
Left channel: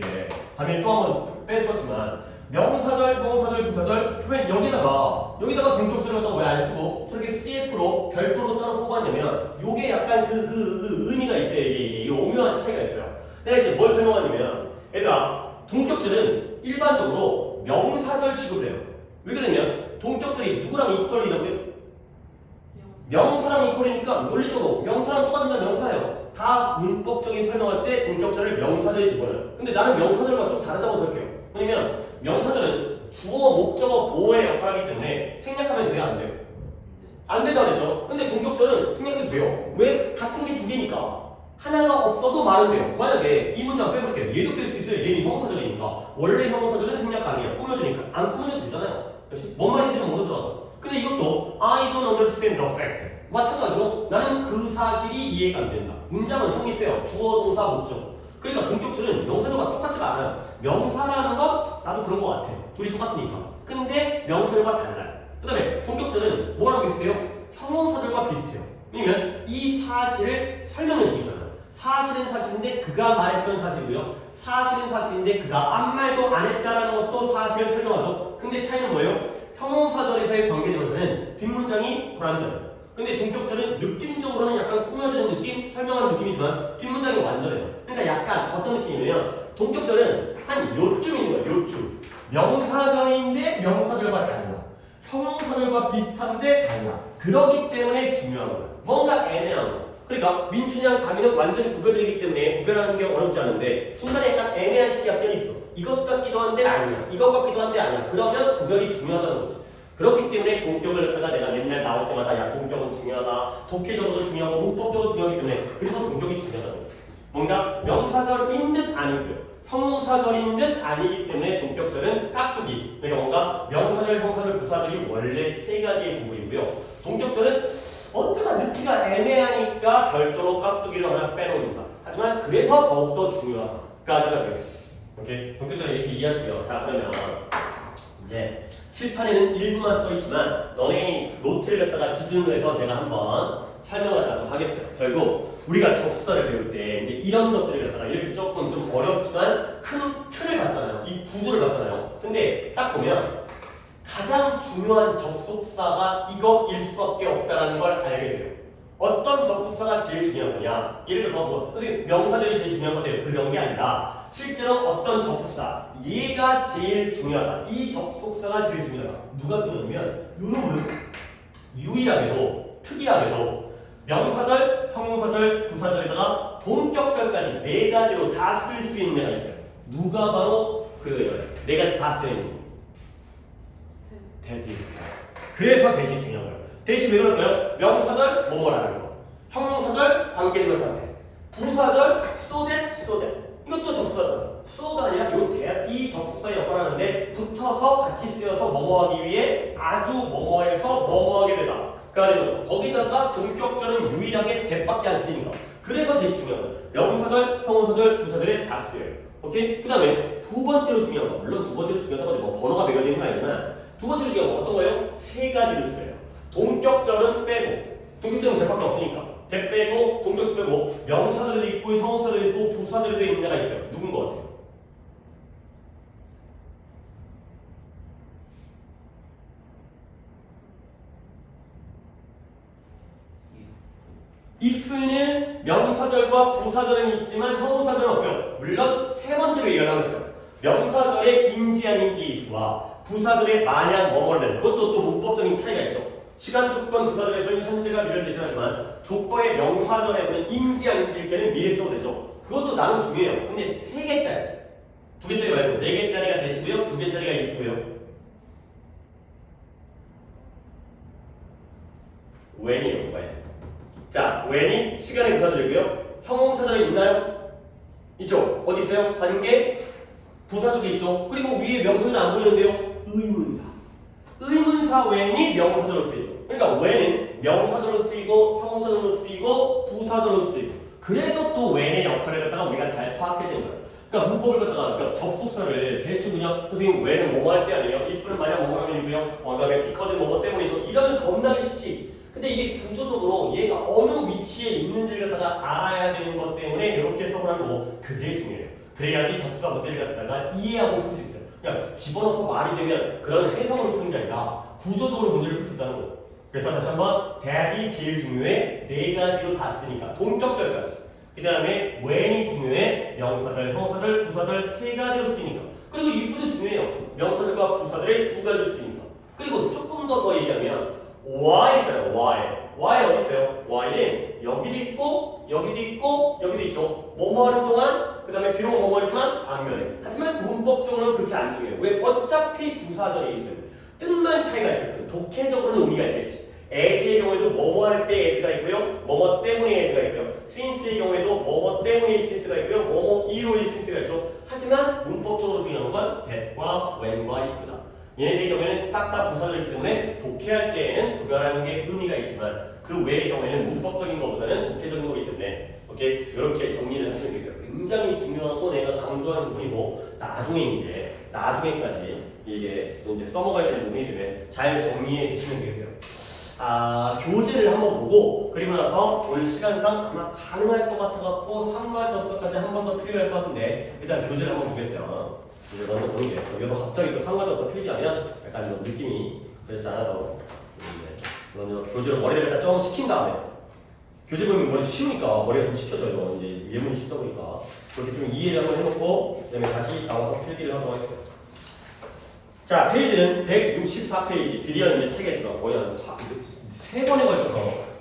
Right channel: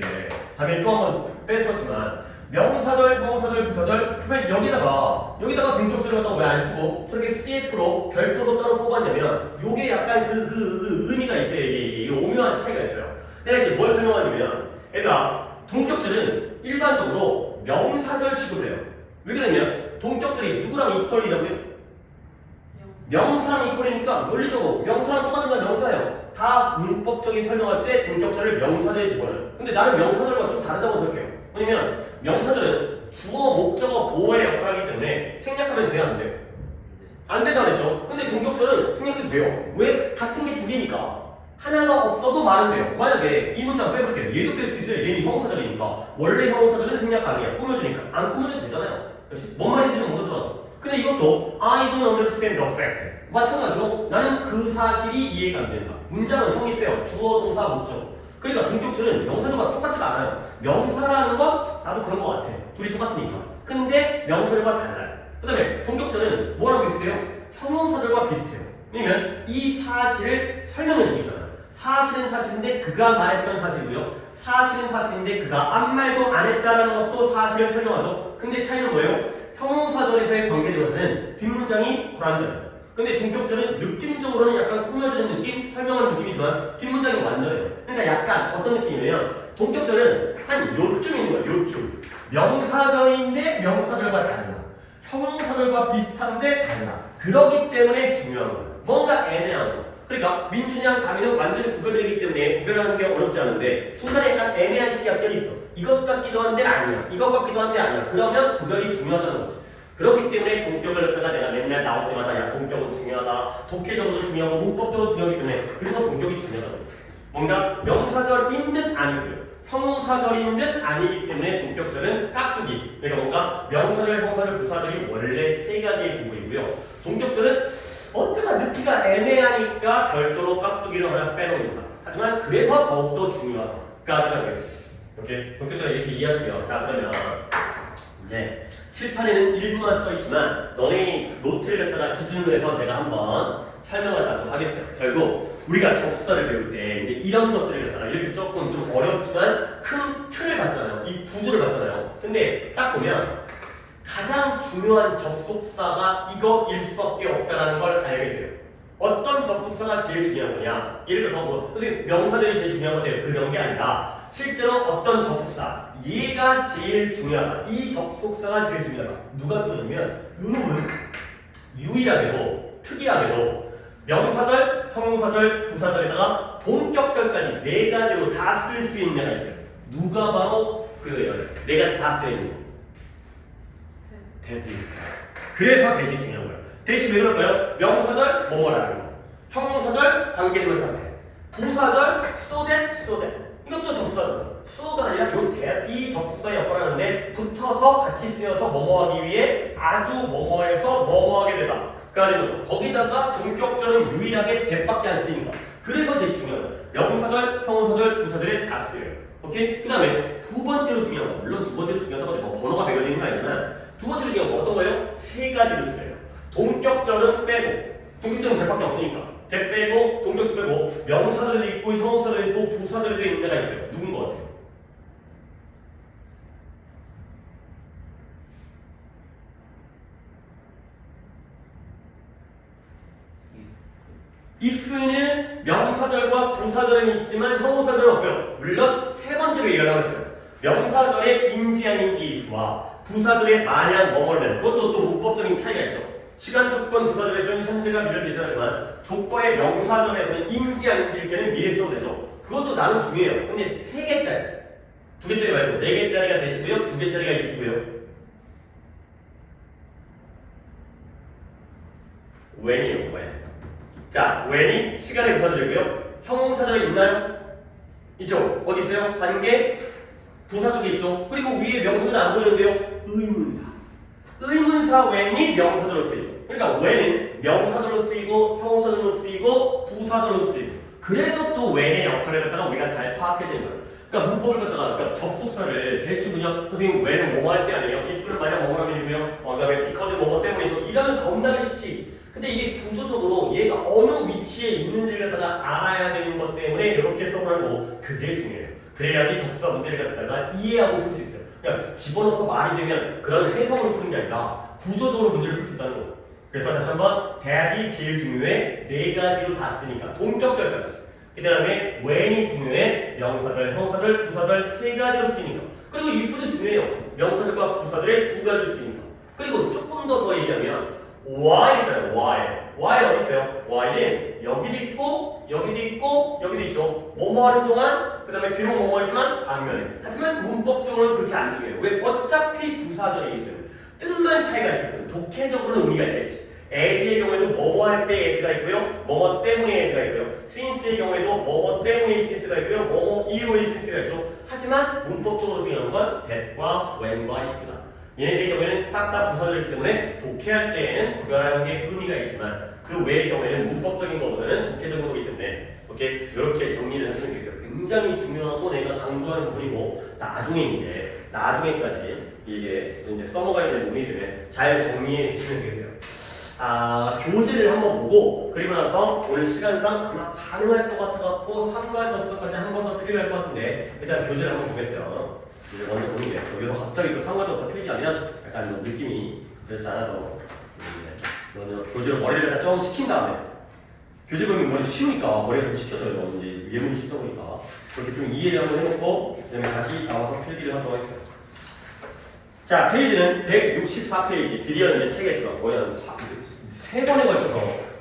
당연히 또 한 번 뺐었지만 명사절, 형용사절, 부사절 그러면 여기다가 동격절을 갖다가 왜 안 쓰고 저렇게 CF로 별도로 따로 뽑았냐면 요게 약간 그 의미가 있어요. 이게 오묘한 차이가 있어요. 내가 이제 뭘 설명하냐면 얘들아 동격절은 일반적으로 명사절 취급을 해요. 왜 그러냐? 동격절이 누구랑 이퀄이라고요? 명사랑 이퀄이니까 논리적으로 명사랑 똑같은 건 명사예요. 다 문법적인 설명할 때 동격절을 명사절에 집어넣어요. 근데 나는 명사절과 좀 다르다고 생각해요. 왜냐면 명사절은 주어, 목적어, 보어의 역할을 하기 때문에 생략하면 돼요? 안 돼요? 안 된다 그랬죠? 근데 동격절은 생략해도 돼요. 왜? 같은 게 두 개니까. 하나가 없어도 말은 돼요. 만약에 이 문장 빼볼게요. 얘도 뺄 수 있어요. 얘는 형용사절이니까. 원래 형용사절은 생략 가능해요. 꾸며주니까. 안 꾸며줘도 되잖아요. 역시 뭔 말인지는 모르더라도. 근데 이것도 I don't understand the fact. 마찬가지로 나는 그 사실이 이해가 안 된다. 문장은 성립돼요. 주어, 동사, 목적. 그러니까 동격절은 명사절과 똑같지가 않아요. 명사라는 건 나도 그런 것 같아. 둘이 똑같으니까. 근데 명사절과 달라요. 그 다음에 동격절은 뭐랑 비슷해요? 형용사절과 비슷해요. 왜냐면 이 사실을 설명해 주잖아요. 사실은 사실인데 그가 말했던 사실이고요. 사실은 사실인데 그가 아무 말도 안 했다는 것도 사실을 설명하죠. 근데 차이는 뭐예요? 형용사절에서의 관계대명사는 뒷문장이 불완전해요. 근데 동격절은 느낌적으로는 약간 꾸며주는 느낌, 설명하는 느낌이지만 뒷문장이 완전해요. 그러니까 약간 어떤 느낌이냐면 동격절은 한 요쯤 있는 거예요. 요쯤. 명사절인데 명사절과 달라. 형용사절과 비슷한데 달라. 그렇기 때문에 중요한 거예요. 뭔가 애매한 거. 그러니까 민준이랑 다미는 완전히 구별되기 때문에 구별하는 게 어렵지 않은데 중간에 약간 애매한 식이 껴있어. 이것 같기도 한데 아니야. 이것 같기도 한데 아니야. 그러면 구별이 중요하다는 거지. 그렇기 때문에 동격을 갖다가 내가 맨날 나올 때마다 야 동격은 중요하다. 독해적으로도 중요하고 문법적으로 중요하기 때문에 그래서 동격이 중요하다는 거지. 뭔가 명사절인 듯 아니고요. 형용사절인 듯 아니기 때문에 동격절은 깍두기. 그러니까 뭔가 명사절, 형사절, 부사절이 원래 세 가지의 구분이고요. 동격절은 어디가 넣기가 애매하니까 별도로 깍두기를 하나 빼놓는다. 하지만 그래서 더욱더 중요하다까지가 되겠습니다. 오케이? 동격절을 이렇게 이해하시면 자 그러면 이제 칠판에는 일부만 써있지만 너네 노트를 갖다가 기준으로 해서 내가 한번 설명을 다 좀 하겠어요. 결국 우리가 접수사를 배울 때 이제 이런 것들을 갖다가 이렇게 조금 좀 어렵지만 큰 틀을 봤잖아요. 이 구조를 봤잖아요. 근데 딱 보면 가장 중요한 접속사가 이거일 수밖에 없다는 걸 알게 돼요. 어떤 접속사가 제일 중요한 거냐? 예를 들어서 뭐 선생님 명사들이 제일 중요한 거죠. 그런 게 아니라 실제로 어떤 접속사 얘가 제일 중요하다. 이 접속사가 제일 중요하다. 누가 중요하냐면 요놈은 유일하게도 특이하게도 명사절, 형용사절, 부사절에다가 동격절까지 네 가지로 다 쓸 수 있는 애가 있어요. 누가 바로 그 네 가지 다 쓰이는 거. 대신. 그래서 대신 중요한 거예요. 대신 왜 그럴까요? 명사절 뭐뭐라는 거. 형용사절 관계대명사 돼. 부사절 so that. 이것도 접수사잖아. so가 아니라 이 접수사의 역할을 하는데 붙어서 같이 쓰여서 뭐뭐하기 위해 아주 뭐뭐해서 뭐뭐하게 되다. 그러니까 거기다가 동격절은 유일하게 대밖에 안 쓰니까. 그래서 대신 중요한 거예요. 명사절, 형용사절, 부사절에 다 쓰여요. 오케이? 그 다음에 두 번째로 중요한 거. 물론 두 번째로 중요하다고 뭐 번호가 매겨져 있는 거 아니지만 두 번째로 중요한 거 어떤 거예요? 세 가지를 써요. 동격절은 빼고. 동격절은 대밖에 없으니까. 대 빼고 동격절 빼고 명사절도 있고 형용사절도 있고 부사절도 있는 데가 있어요. 누군 것 같아요? if는 명사절과 부사절은 있지만 형용사절은 없어요. 물론 세 번째로 얘기하고 있어요. 명사절의 인지 아닌지 if와 부사절의 만약 뭐뭐는 그것도 또 문법적인 차이가 있죠. 시간 조건 부사절에서는 현재가 미래를 대신하지만 조건의 명사절에서는 인지 아닌지일 때는 미래 써도 되죠. 그것도 나름 중요해요. 근데 세 개짜리. 두 개짜리 말고 네 개짜리가 대시고요. 두 개짜리가 if고요. when이요, when. 자, when이 시간의 부사절이고요. 형용사절이 있나요? 있죠? 어디 있어요? 관계 부사 쪽에 있죠. 그리고 위에 명사는 안 보이는데요. 의문사. 의문사 when이 명사절로 쓰이죠. 그러니까 when은 명사절로 쓰이고 형용사절로 쓰이고 부사절로 쓰이고. 그래서 또 when의 역할을 갖다가 우리가 잘 파악해야 되는 거예요. 그러니까 문법을 갖다가 그러니까 접속사를 대충 그냥 선생님 when은 뭐뭐 할 때 아니에요. if는 만약 뭐뭐라면이고요. 그다음에 because 뭐뭐 때문이죠. 이러면 겁나게 쉽지. 근데 이게 구조적으로 얘가 어느 위치에 있는지를 갖다가 알아야 되는 것 때문에 이렇게 써보는 거고 그게 중요해요. 그래야지 접수사 문제를 갖다가 이해하고 풀 수 있어요. 그냥 집어넣어서 말이 되면 그런 해석으로 푸는 게 아니라 구조적으로 문제를 풀 수 있다는 거죠. 그래서 다시 한번 대합이 제일 중요해. 네 가지로 다 쓰니까 동격절까지. 그 다음에 when이 중요해. 명사절, 형사절, 부사절 세 가지로 쓰이니까. 그리고 if도 중요해요. 명사절과 부사절의 두 가지로 쓰이니까. 그리고 조금 더 얘기하면 why 있잖아요. why 어디 있어요? why는 여기도 있고 여기도 있고 여기도 있죠. 뭐뭐 하는 동안 그 다음에 비록 뭐뭐지만 반면에. 하지만 문법적으로는 그렇게 안 중요해요. 왜? 어차피 부사절이기 때문에. 뜻만 차이가 있을 뿐. 독해적으로는 의미가 있겠지. as의 경우에도 뭐뭐 할 때 as가 있고요. 뭐뭐 때문에 as가 있고요. since의 경우에도 뭐뭐 때문에 since가 있고요. 뭐뭐 이후에 since가 있죠. 하지만 문법적으로 중요한 건 that과 when과 if다. 얘네들 경우에는 싹 다 부사절이기 때문에 독해할 때에는 구별하는 게 의미가 있지만 그 외의 경우에는 문법적인 것보다는 독해적인 거기 때문에 오케이 이렇게 정리를 하시면 되겠어요. 굉장히 중요하고 내가 강조하는 부분이고 나중에까지 이게 이제 써먹어야 되는 부분이 되면 잘 정리해 주시면 되겠어요. 교재를 한번 보고 그리고 나서 오늘 시간상 아마 가능할 것 같아갖고 상관접수까지 한 번 더 필요할 것 같은데 일단 교재를 한번 보겠어요. 이제 먼저 보는 게 여기서 갑자기 또 상관접수 필기하면 약간 느낌이 그렇지 않아서 먼저 교재로 머리를 다 좀 식힌 다음에 교재 보면 머리 쉬우니까 머리가 좀 식혀져요. 이제 예문이 쉽다 보니까 그렇게 좀 이해를 한번 해놓고 그다음에 다시 나와서 필기를 하도록 하겠습니다. 자, 페이지는 164페이지. 드디어 이제 책에 제가 거의 한 3번에 걸쳐서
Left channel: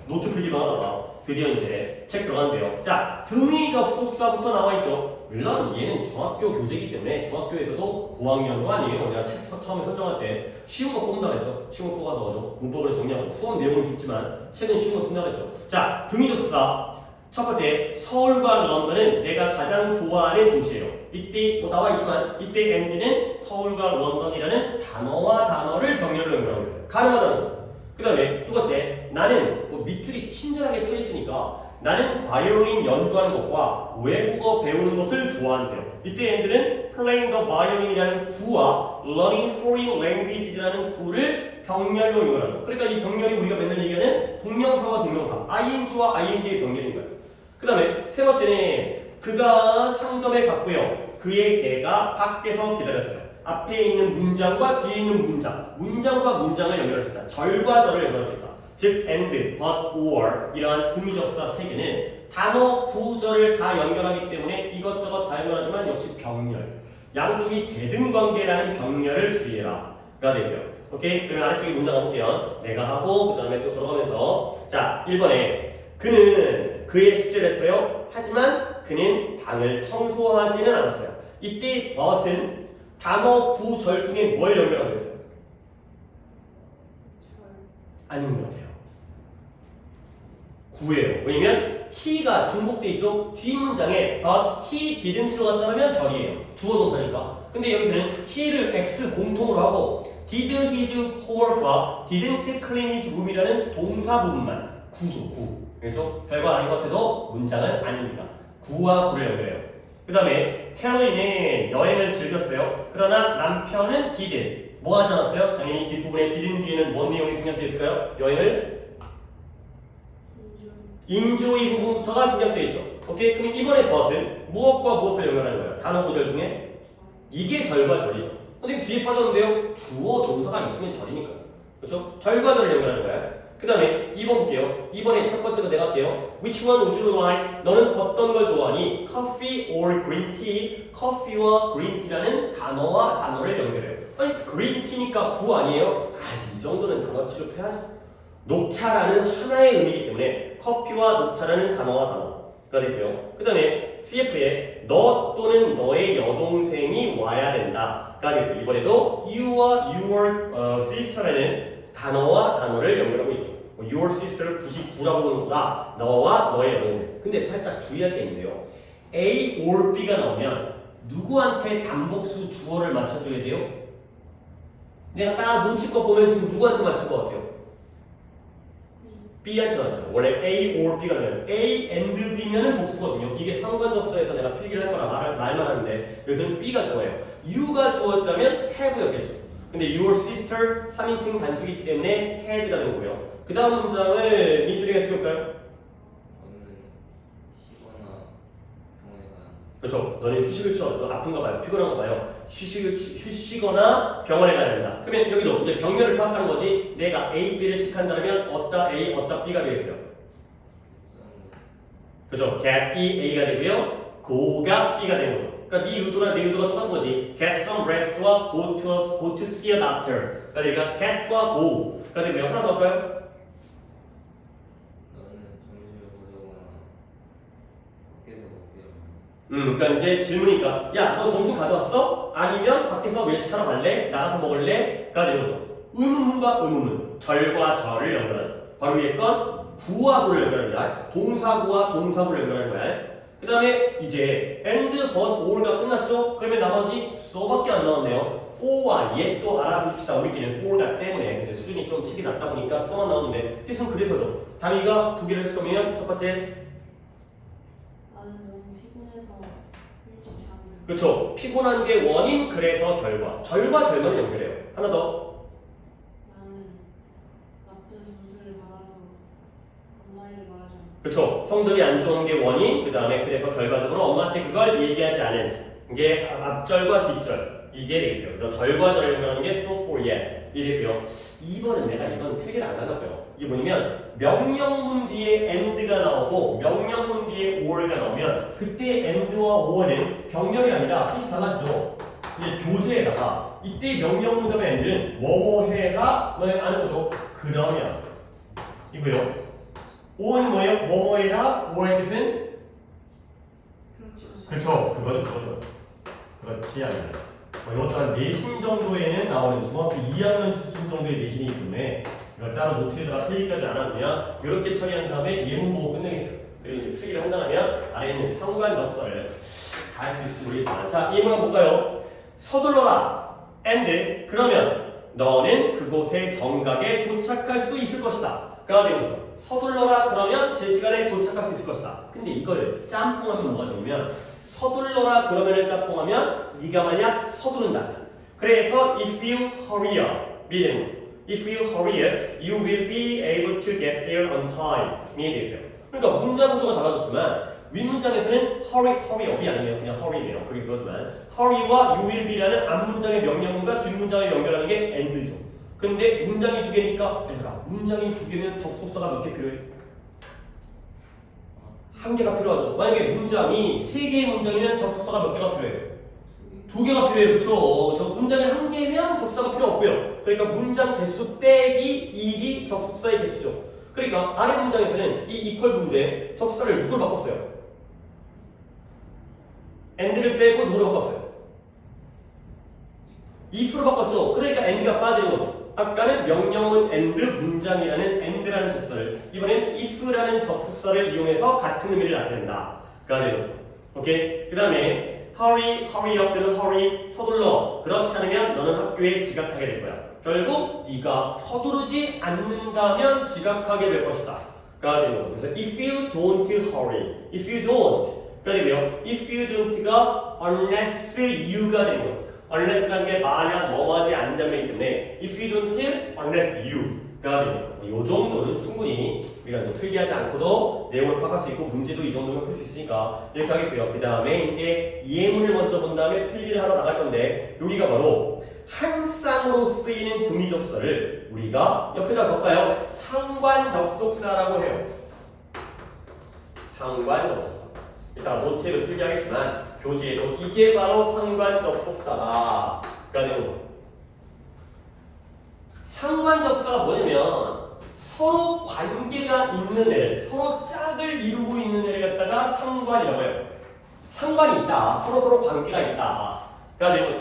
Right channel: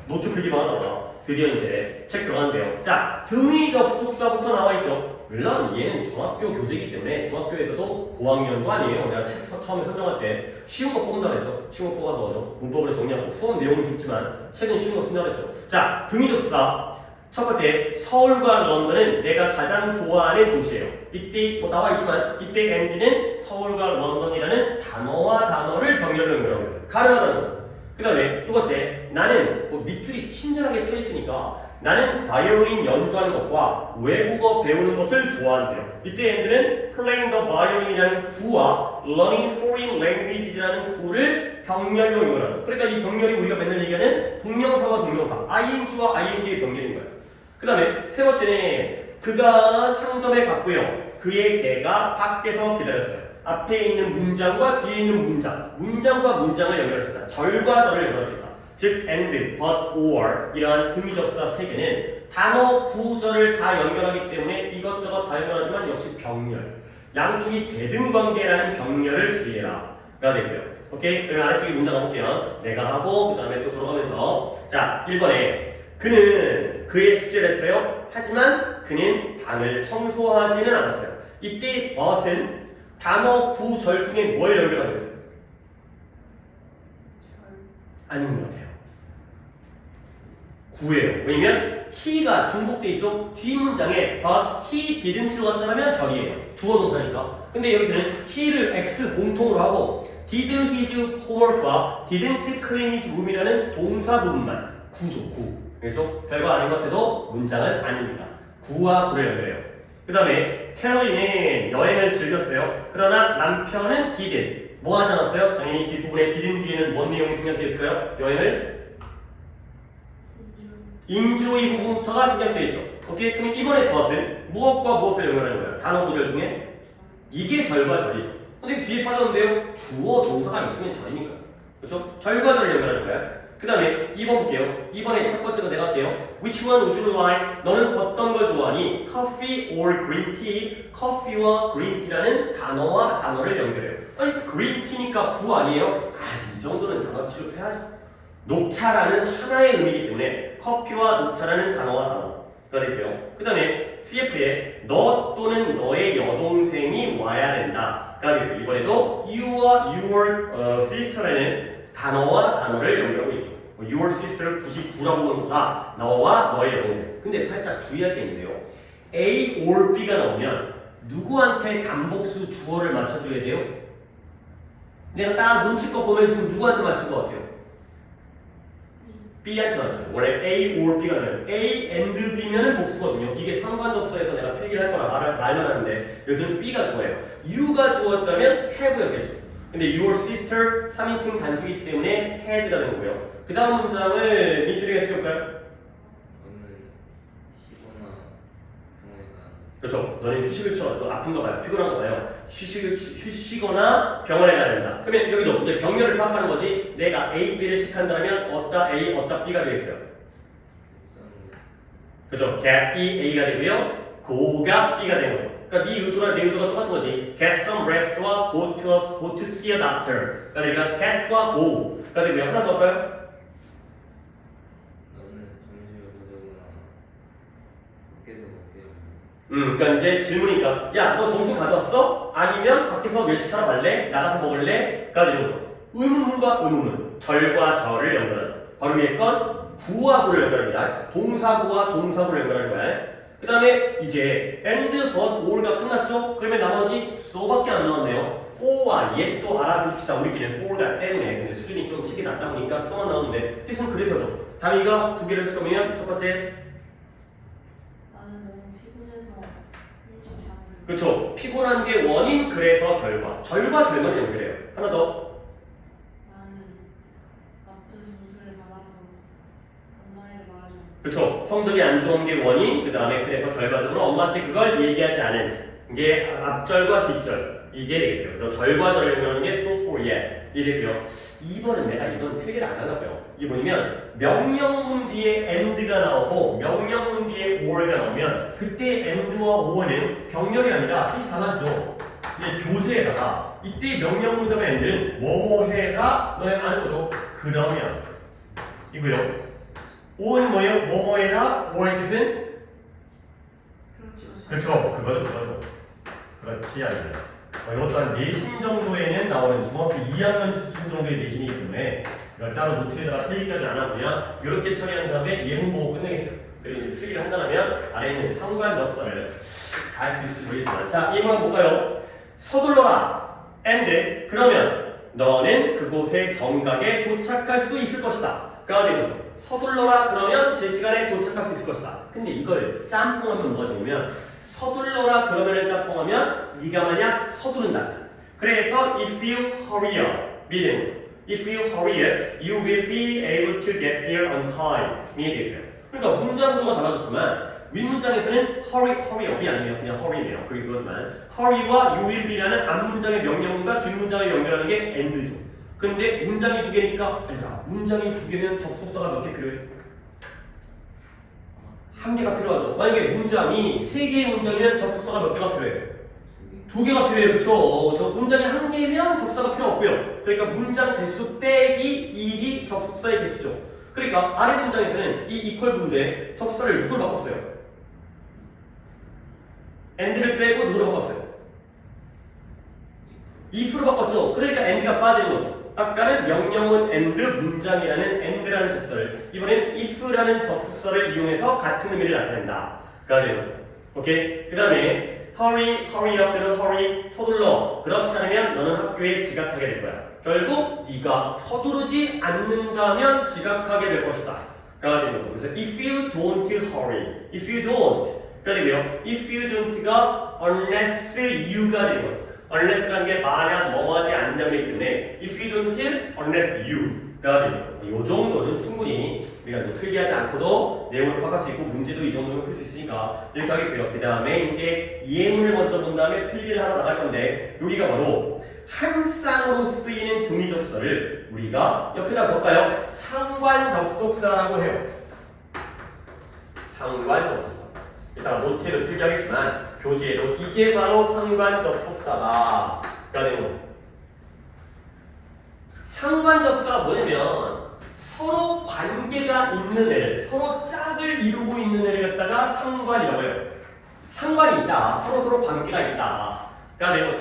노트 필기만 하다가 드디어 이제 책 들어가는데요. 자, 등위 접속사부터 나와 있죠. 물론 얘는 중학교 교재이기 때문에 중학교에서도 고학년도 아니에요. 내가 책 처음에 선정할 때 쉬운 거 뽑는다 그랬죠. 쉬운 거 뽑아서 문법으로 정리하고 수업 내용은 깊지만 책은 쉬운 거 쓴다 그랬죠. 자, 등위 접속사. 첫 번째, 서울과 런던은 내가 가장 좋아하는 도시예요. 이때 뭐 나와 있지만 이때 and는 서울과 런던이라는 단어와 단어를 병렬로 연결하고 있어요. 가능하다는 거죠. 그 다음에 두 번째, 나는 뭐 밑줄이 친절하게 쳐 있으니까 나는 바이올린 연주하는 것과 외국어 배우는 것을 좋아한대요. 이때 and는 playing the violin이라는 구와 learning foreign languages라는 구를 병렬로 연결하죠. 그러니까 이 병렬이 우리가 맨날 얘기하는 동명사와 동명사, ing와 ing의 병렬인 거예요. 그 다음에 세 번째는 그가 상점에 갔고요. 그의 개가 밖에서 기다렸어요. 앞에 있는 문장과 뒤에 있는 문장과 문장을 연결했습니다. 절과 절을 연결했습니다. 즉 and, but, or 이러한 등위접사 세 개는 단어 구절을 다 연결하기 때문에 이것저것 다 연결하지만 역시 병렬. 양쪽이 대등관계라는 병렬을 주의해라 가 되고요. 오케이? 그러면 아래쪽에 문장 가볼게요. 내가 하고 그 다음에 또 돌아가면서 자 1번에 그는 그의 숙제를 했어요. 하지만 그는 방을 청소하지는 않았어요. 이때 but은 단어 구절 중에 뭘 연결하고 있어요? 아닌 것 같아요. 구예요. 왜냐면 he가 중복돼 있죠. 뒷문장에 but he didn't 들어갔다면 절이에요. 주어 동사니까. 근데 여기서는 he를 x 공통으로 하고 did his homework과 didn't clean his room이라는 동사 부분만 구죠. 구. 그렇죠? 별거 아닌 것 같아도 문장은 아닙니다. 구와 구를 연결해요. 그 다음에 켈리는 여행을 즐겼어요. 그러나 남편은 didn't. 뭐 하지 않았어요? 당연히 뒷부분에 didn't 뒤에는 뭔 내용이 생략되어 있을까요? 여행을 enjoy 부분부터가 생략되어 있죠. 오케이? 그럼 이번에 but은 무엇과 무엇을 연결하는 거예요? 단어 구절 중에 이게 절과 절이죠. 근데 뒤에 빠졌는데요. 주어 동사가 있으면 절이니까요. 그렇죠? 절과 절을 연결하는 거예요. 그 다음에 2번 볼게요. 2번에 첫 번째가 내가 할게요. Which one would you like? 너는 어떤 걸 좋아하니? Coffee or green tea? 커피와 green tea라는 단어와 단어를 연결해요. 아니 green tea니까 구 아니에요? 이 정도는 단어 취급해야죠. 녹차라는 하나의 의미이기 때문에 커피와 녹차라는 단어와 단어. 가 되고요. 그 다음에 CF에 너 또는 너의 여동생이 와야 된다 가 되죠. 이번에도 you와 your sister라는 단어와 단어를 연결하고 있죠. your sister를 99라고 보는 거다. 너와 너의 여동생. 근데 살짝 주의할 게 있는데요. A or B가 나오면 누구한테 단복수 주어를 맞춰줘야 돼요? 내가 딱 눈치껏 보면 지금 누구한테 맞춘 것 같아요? B한테 맞춰요. 원래 A or B가 나면 A and B면은 복수거든요. 이게 상관접수에서 내가 필기를 할 거라 말만 하는데 여기서는 B가 주어예요. U가 주어였다면 have였겠죠. 근데 your sister 3인칭 단수이기 때문에 has가 되는 거고요. 그 다음 문장을 민준이가 해볼까요? 그렇죠. 너는 휴식을 취하죠. 아픈가 봐요. 피곤한가 봐요. 쉬시거나 병원에 가야 된다. 그러면 여기도 이제 병렬을 파악하는 거지. 내가 A, B를 체크한다면 어따 A, 어따 B가 되겠어요. 그렇죠. get B, A가 되고요. go가 B가 되는 거죠. 그러니까 네 의도랑 내 의도가 똑같은 거지. get some rest와 go to see a doctor. 그러니까 get과 go가 되고요. 하나 더 할까요? 그러니까 이제 질문이니까 야, 너 점심 가져왔어? 아니면 밖에서 외식하러 갈래? 나가서 먹을래? 가 되는 거죠. 의문문과 의문문, 절과 절을 연결하죠. 바로 위에 건 구하고를 연결합니다. 동사구와 동사구를 연결하는 거야. 그 다음에 이제 and, but, or가 끝났죠? 그러면 나머지 so밖에 안 나왔네요. for와 yet도 알아두십시다. 우리끼리는 for가 때문에. 근데 수준이 좀 팁이 낮다 보니까 so만 나오는데 뜻은 그래서죠. 다미가 두 개를 했을 거면 첫 번째 그렇죠. 피곤한 게 원인, 그래서 결과. 절과 절만 연결해요. 하나 더. 나는 나쁜 점수를 받아서 엄마에게 말하지. 그렇죠. 성적이 안 좋은 게 원인, 그 다음에 그래서 결과적으로 엄마한테 그걸 얘기하지 않은 게 앞절과 뒷절. 이게 되겠어요. 그래서 절과 절을 연결하는 게 so for yet. 이래요. 2번은 내가 이번 필기를 안 하려고요. 이게 뭐냐면 명령문 뒤에 and가 나오고 명령문 뒤에 or가 나오면 그때 and와 or는 병렬이 아니라 뜻이 달라지죠. 이제 교재에다가 이때 명령문 다음에 and는 뭐뭐해라 너네 아는 거죠. 그러면 이고요. or는 뭐예요? 뭐뭐해라 or의 뜻은 그렇죠. 그거죠. 그렇지 않아요. 이것도 한 내신 정도에는 나오는 중학교 2학년 수준 정도의 내신이기 때문에 이걸 따로 노트에다가 필기까지 안 하고요. 이렇게 처리한 다음에 예문 보고 끝내겠어요. 그리고 이제 필기를 한다면 아래에 있는 상관접수를 다 할 수 있을지 모르겠지만 자, 이 문항 볼까요? 서둘러라 and 그러면 너는 그곳의 정각에 도착할 수 있을 것이다. 가 되는 거죠. 서둘러라 그러면 제 시간에 도착할 수 있을 것이다. 근데 이걸 짬뽕하면 뭐가 되냐면 서둘러라 그러면을 짬뽕하면 네가 만약 서두른다. 그래서 if you hurry up 이 되는 거죠. If you hurry up, you will be able to get there on time 이 되겠어요. 그러니까 문장 구조가 달라졌지만 윗문장에서는 hurry up이 아니면 그냥 hurry네요. 그게 그거지만 hurry와 you will be라는 앞문장의 명령문과 뒷문장을 연결하는 게 and죠. 근데 문장이 두 개니까 얘들아 문장이 두 개면 접속사가 몇 개 필요해? 한 개가 필요하죠. 만약에 문장이 세 개의 문장이면 접속사가 몇 개가 필요해요? 두 개가 필요해요. 그렇죠? 저 문장이 한 개면 접속사가 필요 없고요. 그러니까 문장 개수 빼기 1이 접속사의 개수죠. 그러니까 아래 문장에서는 이 이퀄 문제에 접속사를 누굴 바꿨어요? and를 빼고 누구를 바꿨어요? if로 바꿨죠. 그러니까 and가 빠지는 거죠. 아까는 명령문 and 문장이라는 and라는 접속사를 이번엔 if라는 접속사를 이용해서 같은 의미를 나타낸다. 가 되는 거죠. 오케이? 그 다음에 hurry up 또는 hurry 서둘러 그렇지 않으면 너는 학교에 지각하게 될 거야. 결국 네가 서두르지 않는다면 지각하게 될 것이다. 가 되는 거죠. 그래서 if you don't hurry, if you don't 가 되고요. if you don't가 unless you가 되는 거죠. unless라는 게 만약 뭐하지 않는다기 때문에 if you don't, unless you가 됩니다. 이 정도는 충분히 우리가 이제 필기하지 않고도 내용을 파악할 수 있고 문제도 이 정도면 풀 수 있으니까 이렇게 하겠고요. 그 다음에 이제 예문을 먼저 본 다음에 필기를 하러 나갈 건데 여기가 바로 한 쌍으로 쓰이는 등위 접속사를 우리가 옆에다 적을까요? 상관 접속사라고 해요. 상관 접속사. 이따가 노트에도 필기하겠지만 교재에도 이게 바로 상관 접속사가 되는 거죠. 상관 접속사가 뭐냐면 서로 관계가 있는 애를, 서로 짝을 이루고 있는 애를 갖다가 상관이라고 해요. 상관이 있다. 서로 관계가 있다. 가 되는 거죠.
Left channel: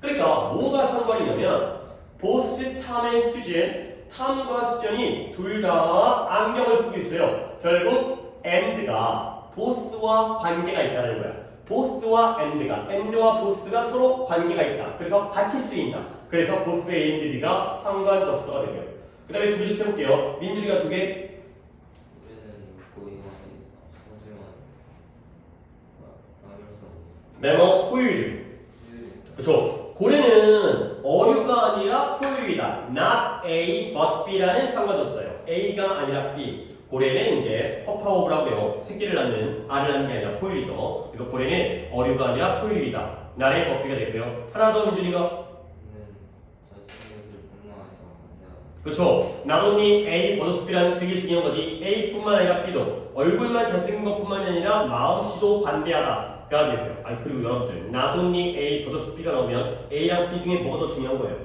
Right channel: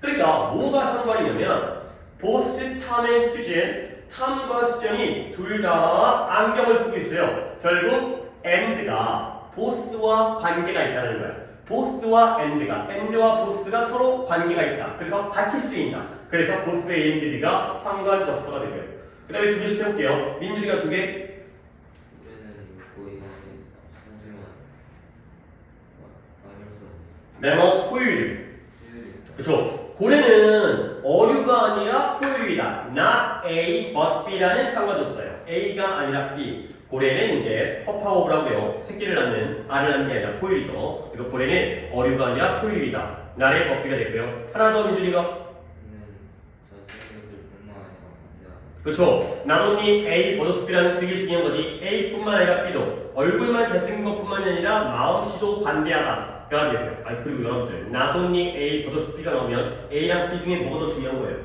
그러니까 뭐가 상관이냐면 보스 탐의 수진, 탐과 수전이 둘 다 안경을 쓰고 있어요. 결국 and가 보스와 관계가 있다는 거야. 보스와 and와 보스가 서로 관계가 있다. 그래서 같이 쓰인다. 그래서 보스 A and B가 상관 접수가 되고요. 그 다음에 두 개씩 해볼게요. 민준이가 두 개. 얘는 고의가 소중한 메모 포유류. 그쵸? 고래는 어류가 아니라 포유류이다. Not A but B라는 상관접수예요. A가 아니라 B. 고래는 이제 허파오브라고요. 새끼를 낳는 알을 낳는 게 아니라 포유류죠. 그래서 고래는 어류가 아니라 포유류이다. Not A but B가 되고요. 하나 더 민준이가. 얘는 전세계에서 뿐만 아니라 관대하다. 그렇죠. not only A 버더스 B라는 되게 중요한 거지. A뿐만 아니라 B도 얼굴만 잘생긴 것뿐만이 아니라 마음씨도 관대하다. 가 되겠어요. 그리고 여러분들 not only A 버더스 B가 나오면 A랑 B 중에 뭐가 더 중요한 거예요?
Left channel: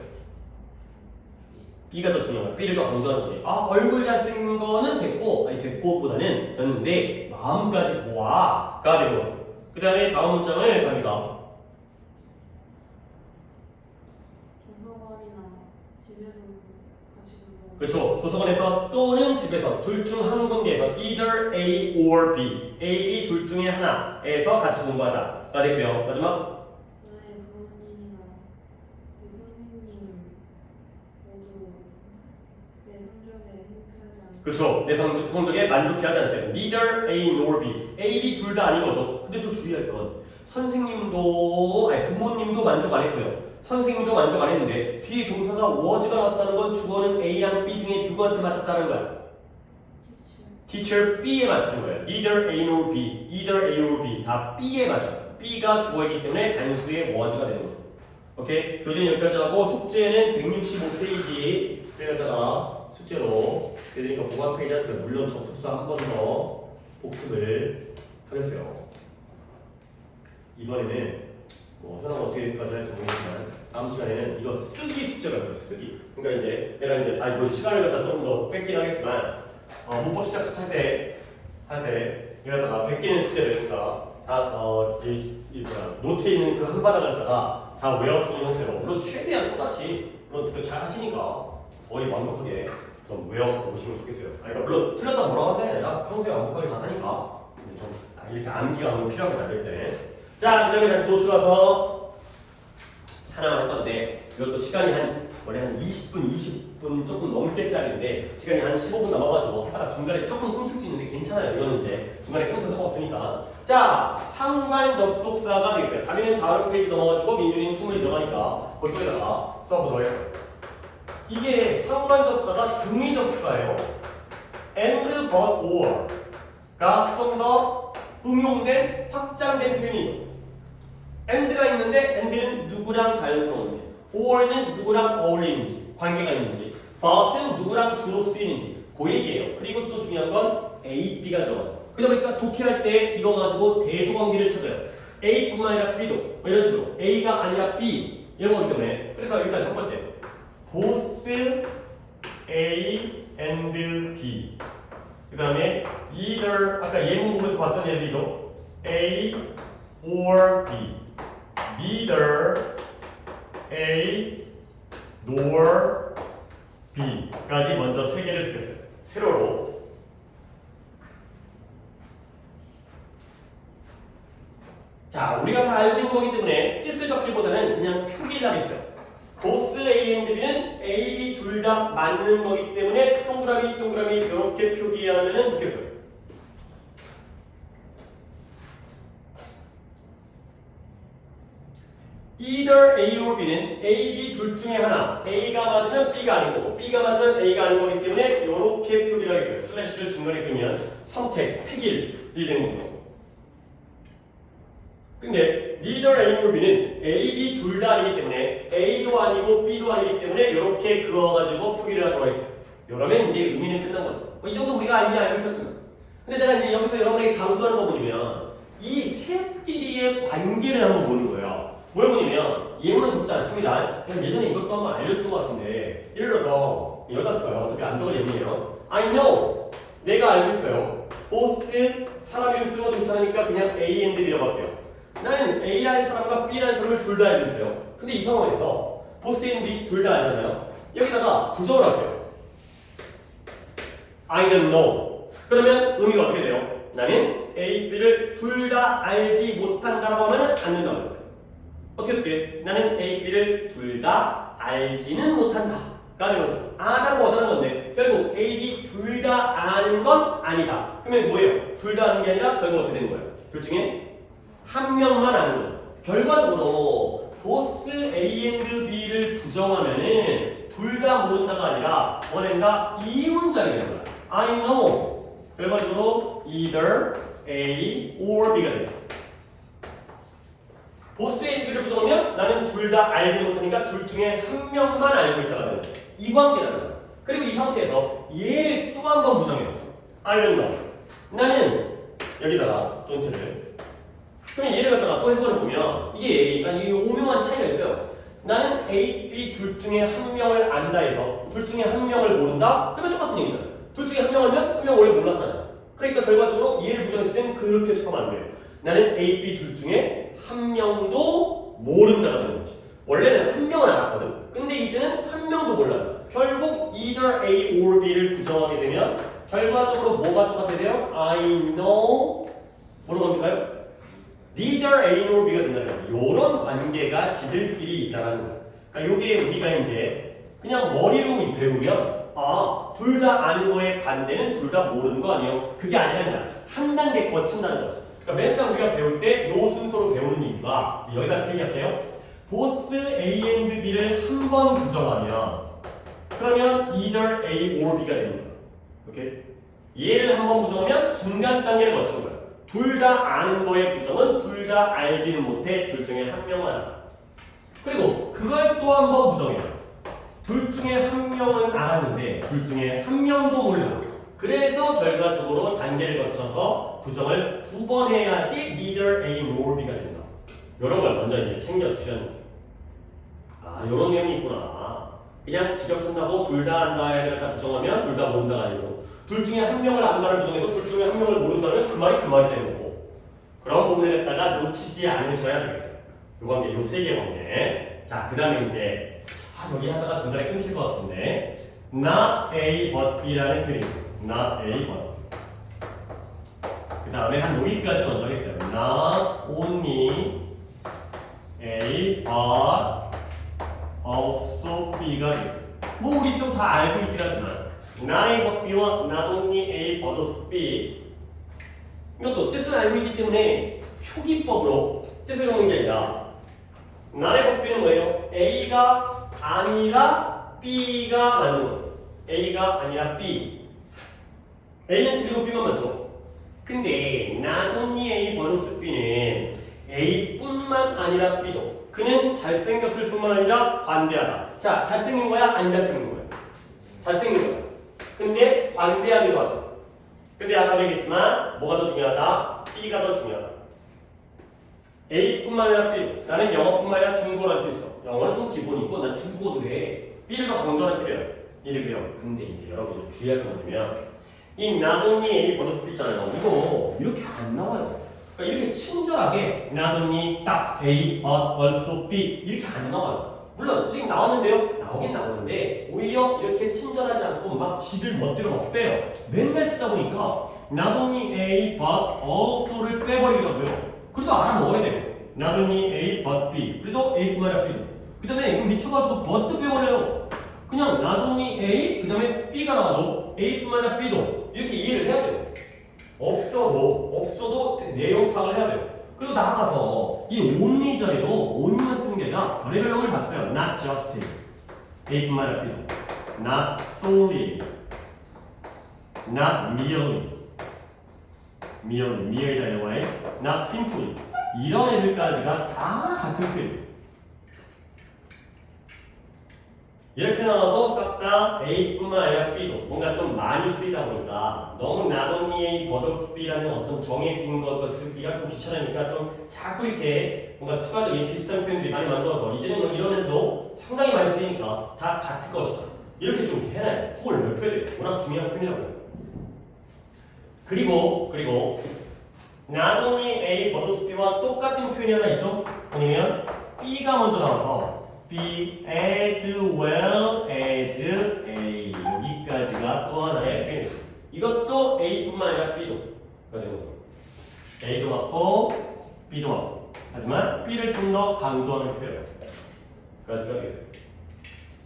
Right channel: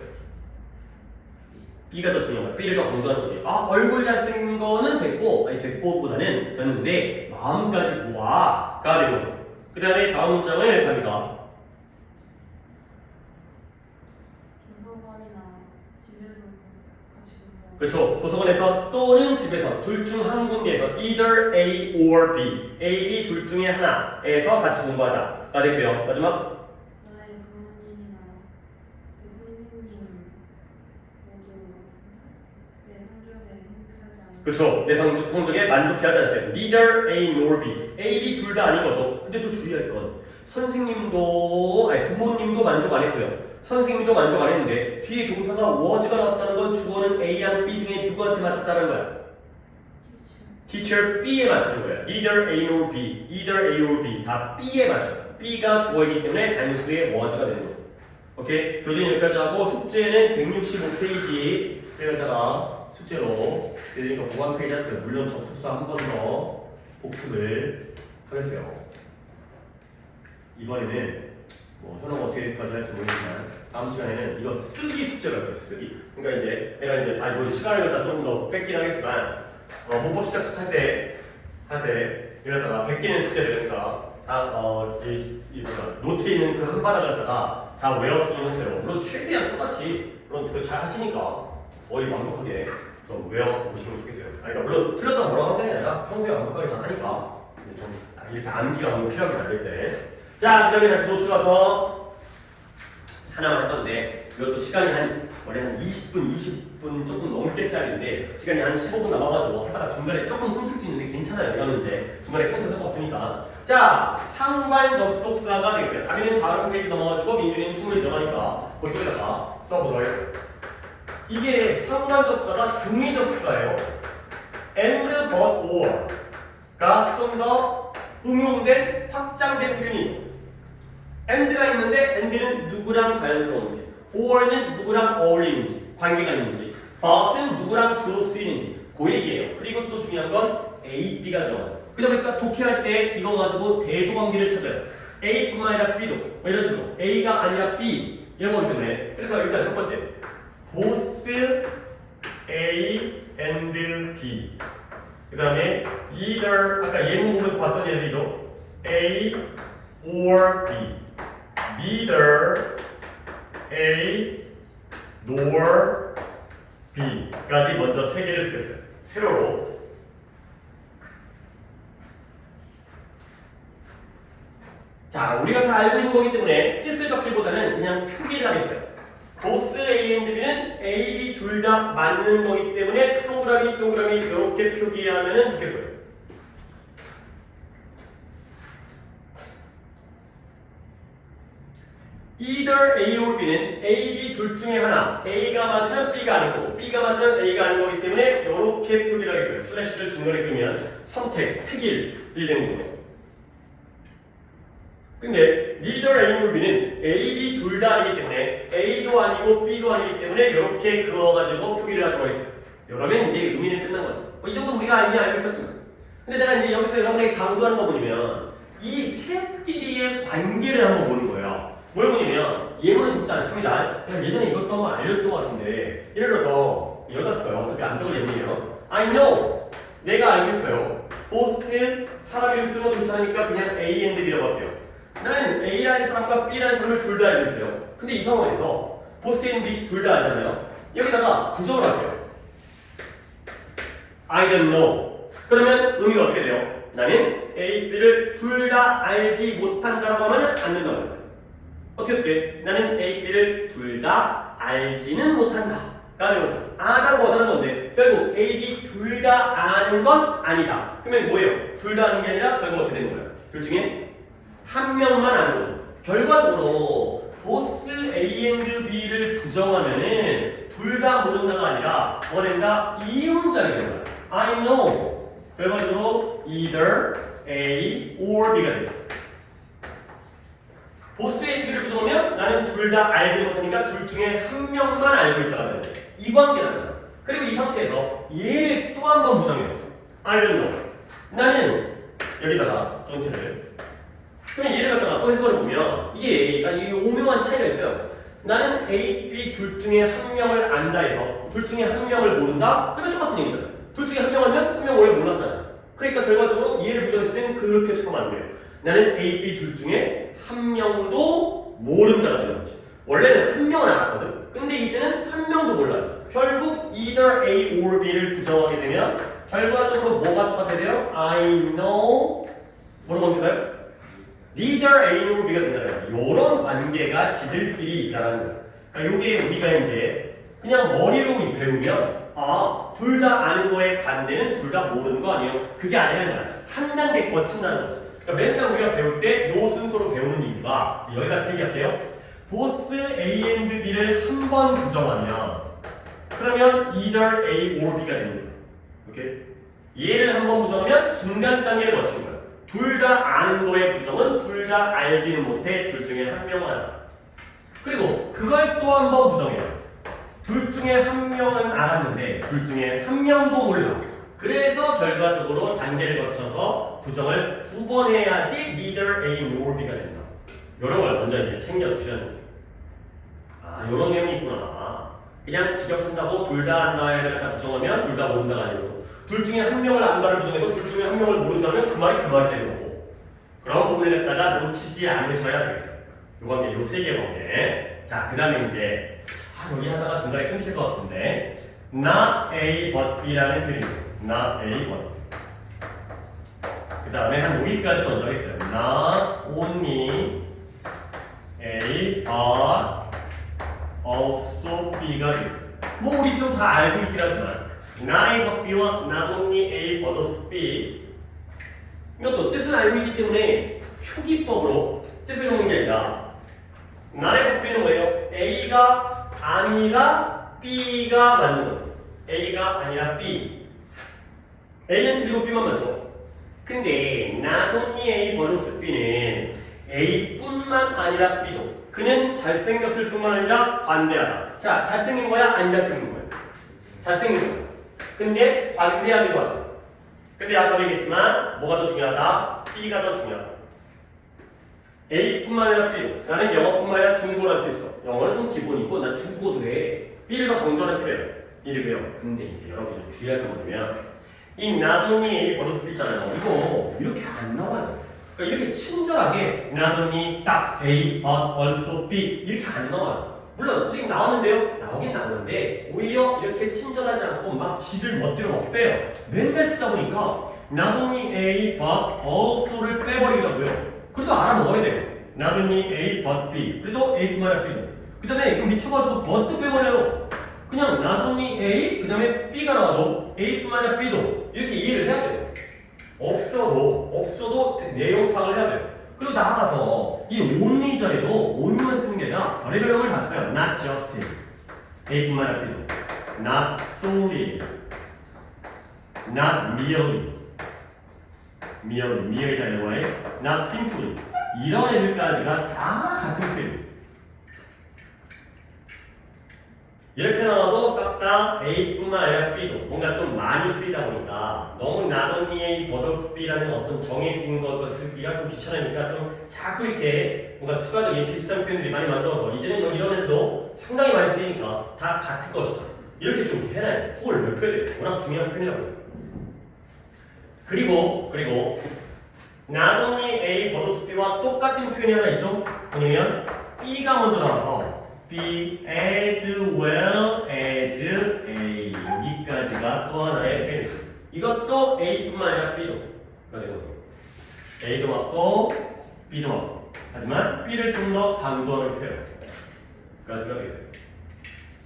B가 더 중요한 거야. B를 더 강조하는 거지. 얼굴 잘생긴 거는 됐고보다는 됐는데 마음까지 보아가 되는 거죠. 그 다음에 다음 문장을 갑니다. 도서관이나 집에서 같이 공부하는. 그렇죠. 도서관에서 또는 집에서 둘 중 한 군데에서 either A or B, A, B 둘 중에 하나에서 같이 공부하자가 되고요. 마지막 나의 부모님이나 그 선생님 모두 내 성적에 행복하지 않아. 그렇죠. 내 성적에 만족해하지 않으세요. Neither A nor B. A, B 둘 다 아닌 거죠. 근데 또 주의할 건 선생님도 부모님도 만족 안 했고요. 선생님도 만족 안 했는데 뒤에 동사가 was가 나왔다는 건 주어는 A랑 B 중에 누구한테 맞췄다는 거야? Teacher B에 맞추는 거예요. Neither A nor B, either A or B 다 B에 맞춰. B가 주어이기 때문에 단수의 was가 되는 거죠. 오케이? 교재는 여기까지 하고 숙제는 165페이지에다가 숙제로 그러니까 보관 페이지 하시면 물론 접속사 한 번 더 복습을 하겠어요. 이번에는 현아가 어떻게까지 할지 모르겠지만 다음 시간에는 이거 쓰기 숙제를 할 거예요. 쓰기. 그러니까 이제 내가 이제 시간을 갖다 조금 더 뺏긴 하겠지만 문법 시작할 때 이러다가 베끼는 숙제를 그러니까 노트에 있는 그 한 바닥을 갖다가 다 외웠으면 했어요. 물론 최대한 똑같이 물론 잘 하시니까 거의 완벽하게 좀 외워보시면 좋겠어요. 그러니까 물론 틀렸다 뭐라고 하는 게 아니라 평소에 완벽하게 잘 하니까 좀 이렇게 암기가 너무 필요하게 잘 될 때. 자, 그 다음에 다시 노트 가서 하나만 할 건데 이것도 시간이 원래 한 20분 조금 넘게짜리인데 시간이 한 15분 남아가지고 하다가 중간에 조금 끊길 수 있는데 괜찮아요. 이거는 이제 중간에 끊겨도 없으니까. 자, 상관 접속사가 되겠어요. 다리는 다음 페이지 넘어가지고 민준이는 충분히 들어가니까 그쪽에다가 써보도록 하겠습니다. 이게 상관 접속사가 등위 접속사예요. and, but, or가 좀 더 응용된 확장된 표현이죠. and가 있는데 and는 누구랑 자연스러운지, or는 누구랑 어울리는지, 관계가 있는지, but은 누구랑 주로 쓰이는지 그 얘기예요. 그리고 또 중요한 건 A, B가 들어가죠. 그러다 보니까 독해할 때 이거 가지고 대조관계를 찾아요. A뿐만 아니라 B도 이런 식으로 A가 아니라 B 이런 거기 때문에 그래서 일단 첫 번째 both A and B 그 다음에 either 아까 예문 보면서 봤던 애들이죠. A or B neither A nor B까지 먼저 세 개를 적겠어요. 세로로. 자, 우리가 다 알고 있는 거기 때문에 뜻을 적기보다는 그냥 표기를 하겠어요. both A and B는 A, B 둘 다 맞는 거기 때문에 동그라미 이렇게 표기하면 좋겠고요. either A or B는 A, B 둘 중에 하나 A가 맞으면 B가 아닌 거고 B가 맞으면 A가 아닌 거기 때문에 이렇게 표기를 하겠고요. 슬래시를 중간에 끄면 선택, 택일이 되는 거죠. 근데 neither A nor B는 A, B 둘 다 아니기 때문에 A도 아니고 B도 아니기 때문에 이렇게 그어가지고 표기를 하도록 하겠습니다. 이러면 이제 의미는 끝난 거죠. 이 정도 우리가 이미 알고 있었잖아요. 근데 내가 이제 여기서 여러분에게 강조하는 거 보면 이 셋끼리의 관계를 한번 보는 거예요. 뭘 보냐면 예문은 적지 않습니다. 예전에 이것도 한번 알려줬던 것 같은데 예를 들어서 여기다 쓸 거예요. 어차피 안쪽은 예문이에요. I know. 내가 알고 있어요. both 사람 이름 쓰는 거 괜찮으니까 그냥 A and B라고 할게요. 나는 A라는 사람과 B라는 사람을 둘 다 알고 있어요. 근데 이 상황에서 both and B 둘 다 알잖아요. 여기다가 부정을 할게요. I don't know. 그러면 의미가 어떻게 돼요? 나는 A, B를 둘 다 알지 못한다라고 하면 안 된다고 했어요. 어떻게 쓸게? 나는 A, B를 둘 다 알지는 못한다. 가 되는 거죠. 아다는 거다는 건데 결국 A, B 둘 다 아는 건 아니다. 그러면 뭐예요? 둘 다 아는 게 아니라 결국 어떻게 되는 거예요? 둘 중에 한 명만 아는 거죠. 결과적으로 both A and B를 부정하면은 둘 다 모른다가 아니라 뭐가 된다? 이문장이 되는 거야. I know. 결과적으로 either A or B가 된다. both A and B를 부정하면 나는 둘 다 알지 못하니까 둘 중에 한 명만 알고 있다가 되는 거야. 이 관계라는 거야. 그리고 이 상태에서 얘를 또 한 번 부정해요. I don't know. 나는 여기다가 don't 그러면 얘를 갖다가 해석을 보면 이게 약간 이 오묘한 차이가 있어요. 나는 A, B 둘 중에 한 명을 안다 해서 둘 중에 한 명을 모른다? 그러면 똑같은 얘기잖아요. 둘 중에 한 명 알면 한 명 원래 몰랐잖아. 그러니까 결과적으로 얘를 부정했을 때는 그렇게 해석하면 안 돼요. 나는 A, B 둘 중에 한 명도 모른다가 되는 거지. 원래는 한 명은 알았거든. 근데 이제는 한 명도 몰라요. 결국 either A or B를 부정하게 되면 결과적으로 뭐가 똑같아야 돼요? I know 뭐로 갑니까요? neither A or B가 된다는 거예요. 이런 관계가 지들끼리 있다는 거예요. 그러니까 요게 우리가 이제 그냥 머리로 배우면 둘 다 아는 거에 반대는 둘 다 모르는 거 아니에요? 그게 아니라는 거야. 한 단계 거친다는 거죠. 그러니까 맨날 우리가 배울 때 요 순서로 배우는 이유가 여기다 얘기할게요. both A and B를 한 번 부정하면 그러면 either A or B가 되는 거예요. 오케이? 얘를 한 번 부정하면 중간 단계를 거치는 거예요. 둘 다 아는 거의 부정은 둘 다 알지는 못해. 둘 중에 한 명만 알아. 그리고 그걸 또 한 번 부정해요. 둘 중에 한 명은 알았는데 둘 중에 한 명도 몰라. 그래서 결과적으로 단계를 거쳐서 부정을 두 번 해야지 neither A nor B가 된다. 이런 걸 먼저 이제 챙겨주시는 거죠. 이런 내용이 있구나. 그냥 지적한다고 둘 다 안다를 갖다 부정하면 둘 다 모른다가 아니고 둘 중에 한 명을 안다를 부정해서 둘 중에 한 명을 모른다면 그 말이 되는 거고. 그런 부분을 갖다가 놓치지 않으셔야 되겠어요. 요 관계, 요 세 개 관계. 자, 그 다음에 이제 여기 하다가 중간에 끊길 것 같은데 not A but B라는 표현이에요. not A but 그 다음에 한 여기까지 먼저 하겠어요. not only A but also B가 되겠어요. 뭐 우리 좀 다 알고 있긴 하지만 not A but B와 not only A but also B 이것도 뜻을 알고 있기 때문에 표기법으로 뜻을 적는 게 아니라 not A but B는 뭐예요? A가 아니라 B가 맞는 거죠. A가 아니라 B. A는 틀리고 B만 맞죠. 근데 not only A but B는 A뿐만 아니라 B도 그는 잘생겼을 뿐만 아니라 관대하다. 자, 잘생긴 거야? 안 잘생긴 거야? 잘생긴 거야. 근데 관대하기도 하죠. 근데 아까 얘기했지만 뭐가 더 중요하다? B가 더 중요하다. A뿐만 아니라 B도 나는 영어뿐만 아니라 중국어를 할 수 있어. 영어는 좀 기본이고 난 중국어도 해. B를 더 강조하는 필요해요. 이래요. 근데 이제 여러분이 주의할 건 뭐냐면 이 not only A but B 있잖아요. 이거 이렇게 안 나와요. 그러니까 이렇게 친절하게 not only 딱 A but also B 이렇게 안 나와요. 물론 지금 나왔는데요. 나오긴 나오는데 오히려 이렇게 친절하지 않고 막 지들 멋대로 막 빼요. 맨날 쓰다 보니까 not only A but also를 빼버리더라고요. 그래도 알아먹어야 돼요. not only A but B. 그래도 A뿐만 아니라 B도. 그 다음에 이거 미쳐가지고 but도 빼버려요. 그냥 not only A 그 다음에 B가 나와도 A뿐만 아니라 B도 이렇게 이해를 해야 돼요. 없어도 내용 파악을 해야 돼요. 그리고 나아가서 이 only 자리도 only만 쓰는 게 아니라 별의별 놈을 다 써요. not just A뿐만 아니라 B도. not solely. not merely다 영어에 not simply. 이런 애들까지가 다 같은 표현이에요. 이렇게 나와도 싹 다 A뿐만 아니라 B도 뭔가 좀 많이 쓰이다 보니까 너무 not only A but B라는 어떤 정해진 것 쓰기가 좀 귀찮으니까 좀 자꾸 이렇게 뭔가 추가적인 비슷한 표현들이 많이 만들어서 이제는 이런 애들도 상당히 많이 쓰이니까 다 같을 것이다. 이렇게 좀 해놔요. 폭을 넓혀야 돼요. 워낙 중요한 표현이라고. 그리고 not only A 버더스 B와 똑같은 표현이 하나 있죠? 뭐냐면 B가 먼저 나와서 B as well as A 여기까지가 또 하나의 표현이에요. 이것도 A뿐만 아니라 B도 되는 거죠. A도 맞고 B도 맞고 하지만 B를 좀 더 강조하는 표현까지가 되겠어요.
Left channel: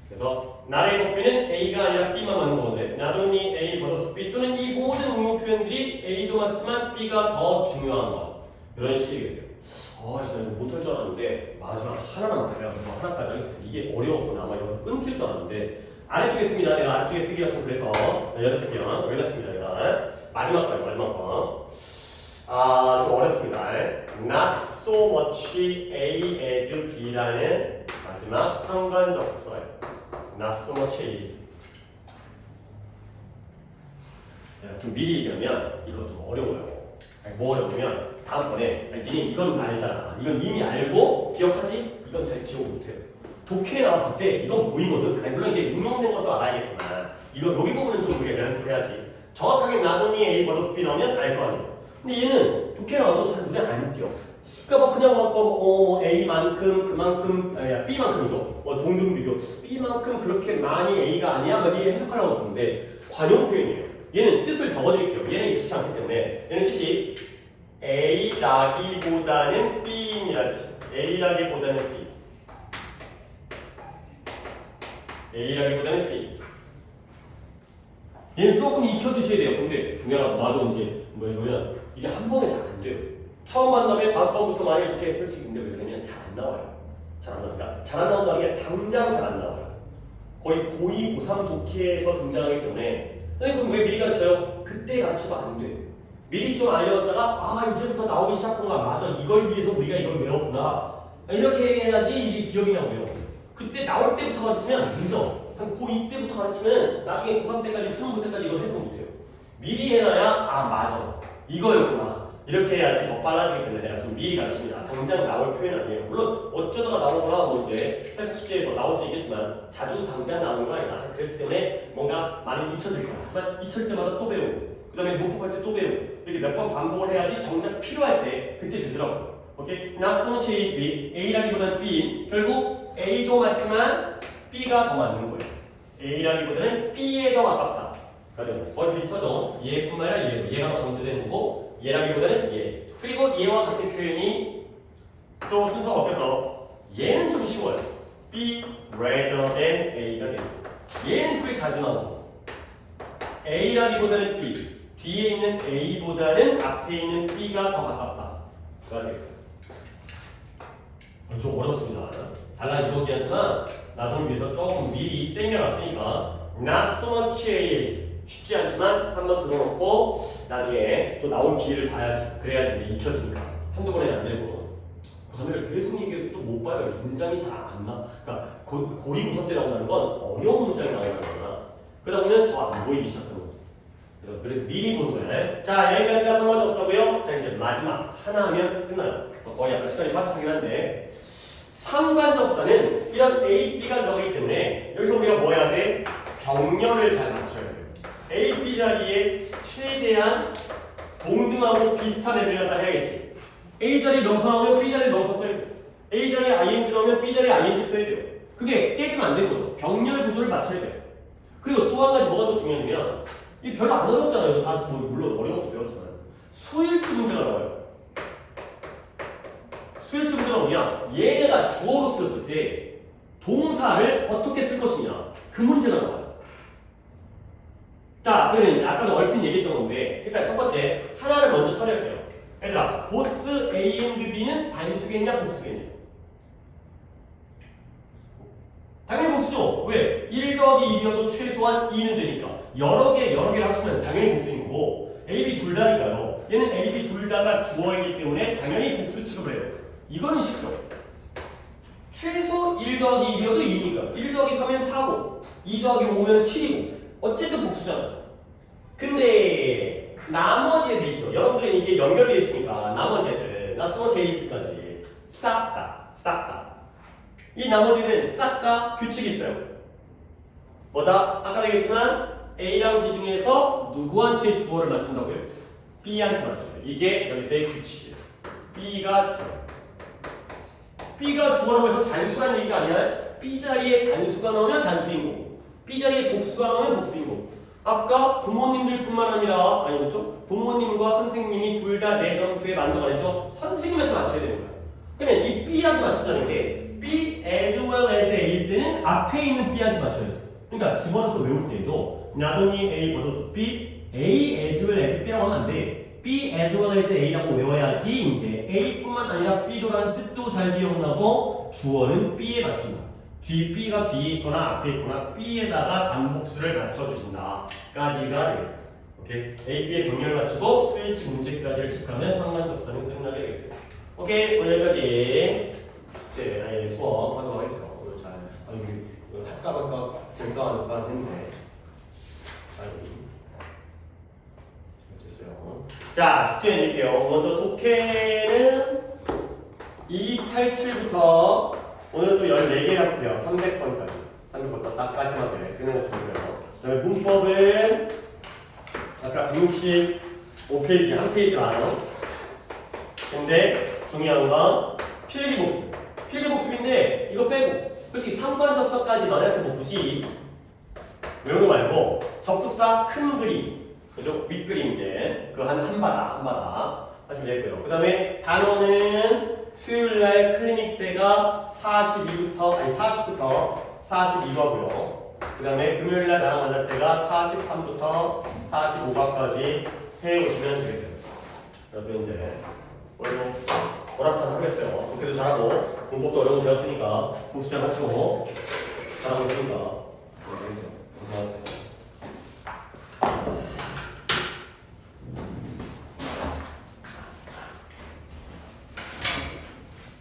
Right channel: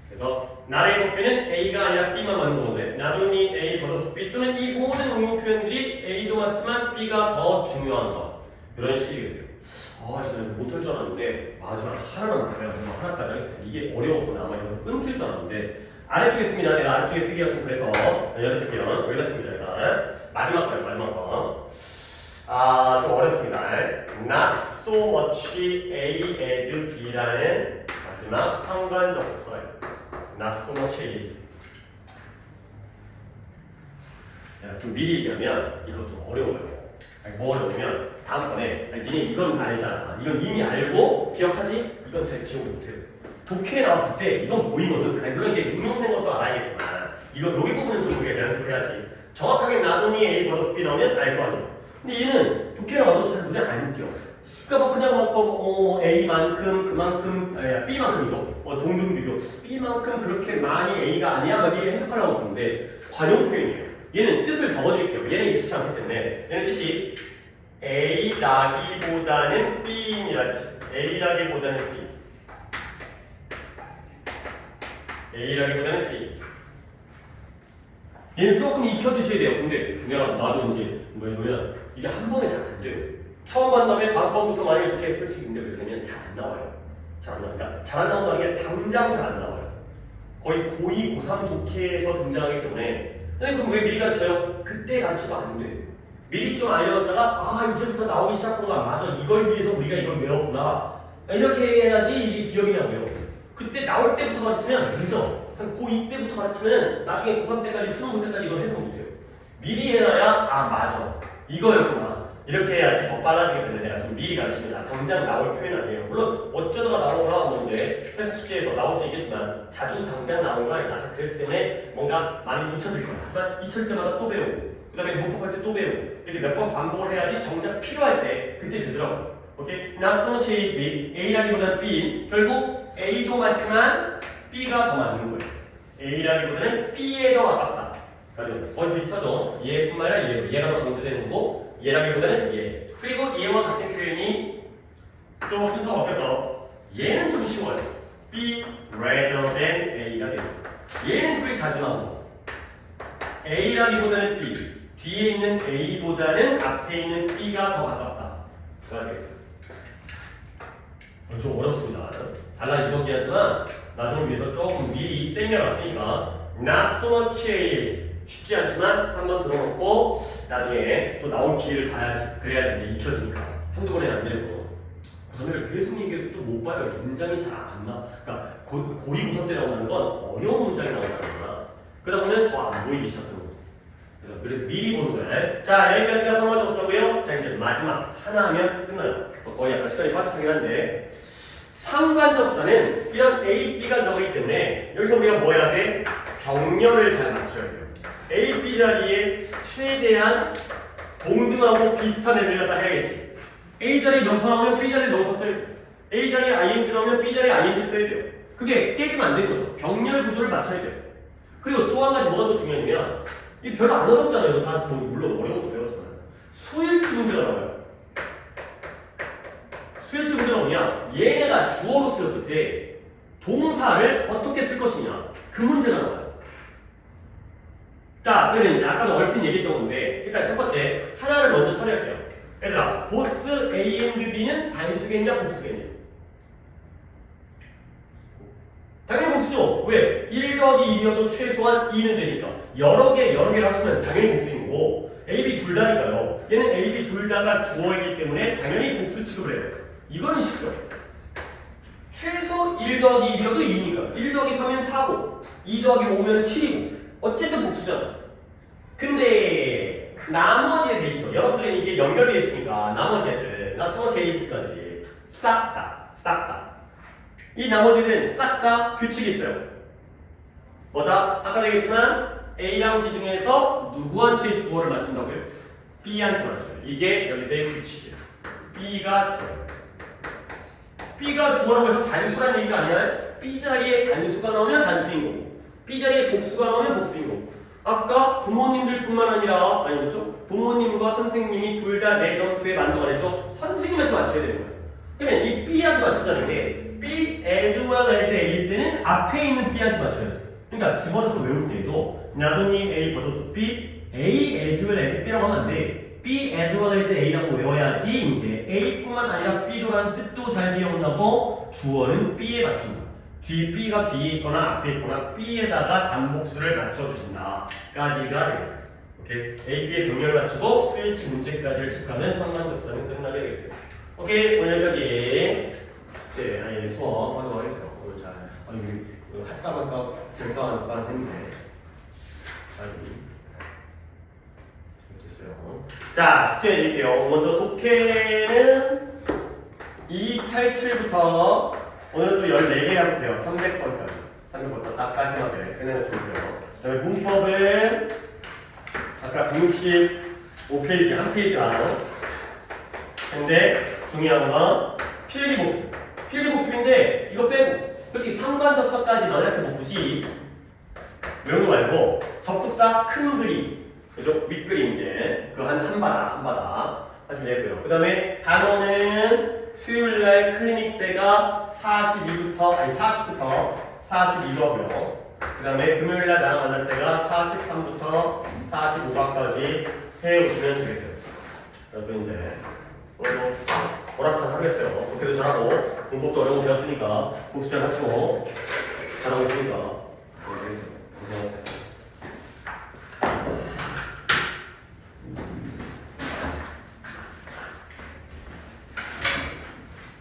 그래서 not A but B는 A가 아니라 B만 맞는 거거든요. not only A but B 또는 이 모든 응용 표현들이 A도 맞지만 B가 더 중요한 거 이런 식이겠어요. 진짜 이거 못할 줄 알았는데 마지막 하나 남았어요. 하나까지 하겠습니다. 이게 어려웠구나. 아마 여기서 끊길 줄 알았는데 아래쪽에 씁니다. 내가 아래쪽에 쓰기가 좀 그래서 여기다 쓸게요. 여기다 씁니다. 일단 마지막 거예요. 마지막 거. 좀 어렵습니다. Not so much A as B라는 마지막 상관접속사가 있어요. Not so much A as. 좀 미리 얘기하면 이거 좀 어려워요. 뭐 어려우냐면 다음번에 니네 이건 알잖아. 이건 이미 알고 기억하지? 이건 잘 기억 못해요. 독해에 나왔을 때 이건 보이거든. 물론 이게 응용된 것도 알아야겠지만 이거 여기 부분은 좀 우리가 연습해야지. 정확하게 나돈이 A 버더스 B 나오면 알 거 아니에요. 근데 얘는 독해 나와도 잘 눈에 안 띄어. 그러니까 뭐 그냥 막 A만큼 그만큼 B만큼이죠. 동등 비교. B만큼 그렇게 많이 A가 아니야. 막 이렇게 해석하려고 하는데 관용 표현이에요. 얘는 뜻을 적어드릴게요. 얘는 익숙치 않기 때문에 얘는 뜻이 A라기보다는 B이라는 뜻이에요. A라기보다는 B. A라기보다는 B. 얘는 조금 익혀두셔야 돼요. 근데 내가 나도 이제 뭐냐면 이게 한 번에 잘 안 돼요. 처음 만나면 다음 번부터 만약에 이렇게 펼치는데 왜 그러냐면 잘 안 나와요. 잘 안 나오니까 잘 안 나온다는 게 당장 잘 안 나와요. 거의 고2, 고3 독해에서 등장하기 때문에 그럼 왜 미리 가르쳐요? 그때 가르쳐도 안 돼. 미리 좀 알려줬다가 이제부터 나오기 시작하구나. 맞아. 이걸 위해서 우리가 이걸 배웠구나. 이렇게 해야지 이게 기억이 나고요. 그때 나올 때부터 가르치면 늦어. 한 고2 때부터 가르치면 나중에 고3 때까지 수능 볼 때까지 이걸 해석 못해요. 미리 해놔야 맞아. 이거였구나. 이렇게 해야지 더 빨라지기 때문에 내가 좀 미리 가르칩니다. 당장 나올 표현 아니에요. 물론 어쩌다가 나오거나 뭐 이제 해석 숙제에서 나올 수 있겠지만 자주 당장 나오는 건 아니다. 그렇기 때문에 뭔가 많이 잊혀질 거야. 하지만 잊힐 때마다 또 배우고 그 다음에 못복할 때 또 배우고 이렇게 몇 번 반복을 해야지 정작 필요할 때 그때 되더라고요. 오케이? Not so much A, B. A라기보다는 B. 결국 A도 맞지만 B가 더 맞는 거예요. A라기보다는 B에 더 가깝다. 거의 비슷하죠. 얘뿐만 아니라 얘가 더 강조되는 거고 얘라기보다는 얘. 그리고 얘와 같은 표현이 또 순서가 바뀌어서 얘는 좀 쉬워요. B rather than A가 됐어요. 얘는 꽤 자주 나오죠. A라기보다는 B. 뒤에 있는 A보다는 앞에 있는 B가 더 가깝다. 그거 되겠어요. 좀 어렵습니다. 달라 이야기하지만 나중을 위해서 조금 미리 땡겨놨으니까 not so much A 쉽지 않지만 한번 들어놓고 나중에 또 나올 기회를 봐야지. 그래야지 이제 익혀지니까 한두 번에 안 되고 고3을 계속 얘기해서 또 못 봐요. 문장이 잘 안 나. 그러니까 고2, 고3 때 나온다는 건 어려운 문장이 나온다는 거구나. 그러다 보면 더 안 보이기 시작하는 거죠. 그래서 미리 보는 거예요. 자, 여기까지가 상관접속이고요. 자, 이제 마지막 하나 하면 끝나요. 또 거의 약간 시간이 빠듯하긴 한데 상관접사는 이런 A, B가 들어가기 때문에 여기서 우리가 뭐 해야 돼? 병렬을 잘 맞춰야 돼요. A, B 자리에 최대한 동등하고 비슷한 애들 갖다 해야겠지. A 자리에 명사 나오면 B 자리에 명사 써야 돼요. A 자리에 ING 나오면 B 자리에 ING 써야 돼요. 그게 깨지면 안 되는 거죠. 병렬 구조를 맞춰야 돼요. 그리고 또 한 가지 뭐가 더 중요하냐면 이 별로 안 어렵잖아요. 이거 다 물론 어려운 것도 배웠지만 수일치 문제가 나와요. 수일치 문제가 뭐냐? 얘네가 주어로 쓰였을 때 동사를 어떻게 쓸 것이냐 그 문제가 나와요. 자, 그러면 이제 아까도 얼핏 얘기했던 건데 일단 첫 번째 하나를 먼저 처리할게요. 얘들아, both A and B는 단수겠냐 복수겠냐? 당연히 복수죠. 왜? 1 더하기 2여도 최소한 2는 되니까 여러 개를 합치면 당연히 복수인 거고 A, B 둘 다니까요. 얘는 A, B 둘 다가 주어이기 때문에 당연히 복수 취급을 해요. 이거는 쉽죠. 최소 1 더하기 2여도 2니까 1 더하기 3이면 4고 2 더하기 5면 7이고 어쨌든 복수잖아요. 근데 나머지 애들 있죠. 여러분들은 이게 연결되어 있으니까 나머지 애들 나머지 애들까지 싹 다 이 나머지는 싹 다 규칙이 있어요. 뭐다? 아까 얘기했지만 A랑 B 중에서 누구한테 주어를 맞춘다고요? B한테 맞춰요. 이게 여기서의 규칙이에요. B가 주어. B가 주어라고 해서 단수란 얘기가 아니야. B 자리에 단수가 나오면 단수인 거고 B 자리에 복수가 나오면 복수인 거고 아까 부모님들뿐만 아니라 아니 그렇죠? 부모님과 선생님이 둘 다 내 점수에 만족 안 했죠? 선생님한테 맞춰야 되는 거야. 그러면 이 B한테 맞추자는 게 B as well as A일 때는 앞에 있는 B한테 맞춰야 돼. 그러니까 집어넣어서 외울 때에도 not only A but also B, A as well as B라고 하면 안 돼. B as well as A라고 외워야지 이제 A뿐만 아니라 B도라는 뜻도 잘 기억나고 주어는 B에 맞춘다. 뒤 B가 뒤에 있거나 앞에 있거나 B에다가 단복수를 맞춰주신다. 까지가 되겠어요. 오케이? A, B의 병렬을 맞추고 수일치 문제까지를 체크하면 상관접선이 끝나게 되겠어요. 오케이, 오늘 여기까지 이제 수업 하도록 하겠습니다. 오늘 잘 이거 할까 말까 될까 안 할까 했는데 잘 됐어요. 자, 숙제 드릴게요. 먼저 독해는 287부터 오늘은 또 14개랍니다. 300번까지. 300번 다 깔끔하게 끝내는 중이고요. 그 다음에 문법은 아까 165페이지, 한 페이지 많아요. 근데 중요한 건 필기복습. 필기복습인데 이거 빼고 솔직히 상관접속까지 너네한테 뭐 굳이 외우는 거 말고 접속사 큰 그림, 그죠? 윗그림 이제 그 한 바다 하시면 되고요. 그 다음에 단어는 수요일날 클리닉 때가 40부터 42거고요. 그 다음에 금요일날 나랑 만날 때가 43부터 45까지 해오시면 되겠어요. 그리고 이제 오늘도 보람찬 하겠어요. 독해도 잘하고 문법도 어려운 거 배웠으니까 복습 잘 하시고 잘하고 있으니까 되겠어요. 고생하세요.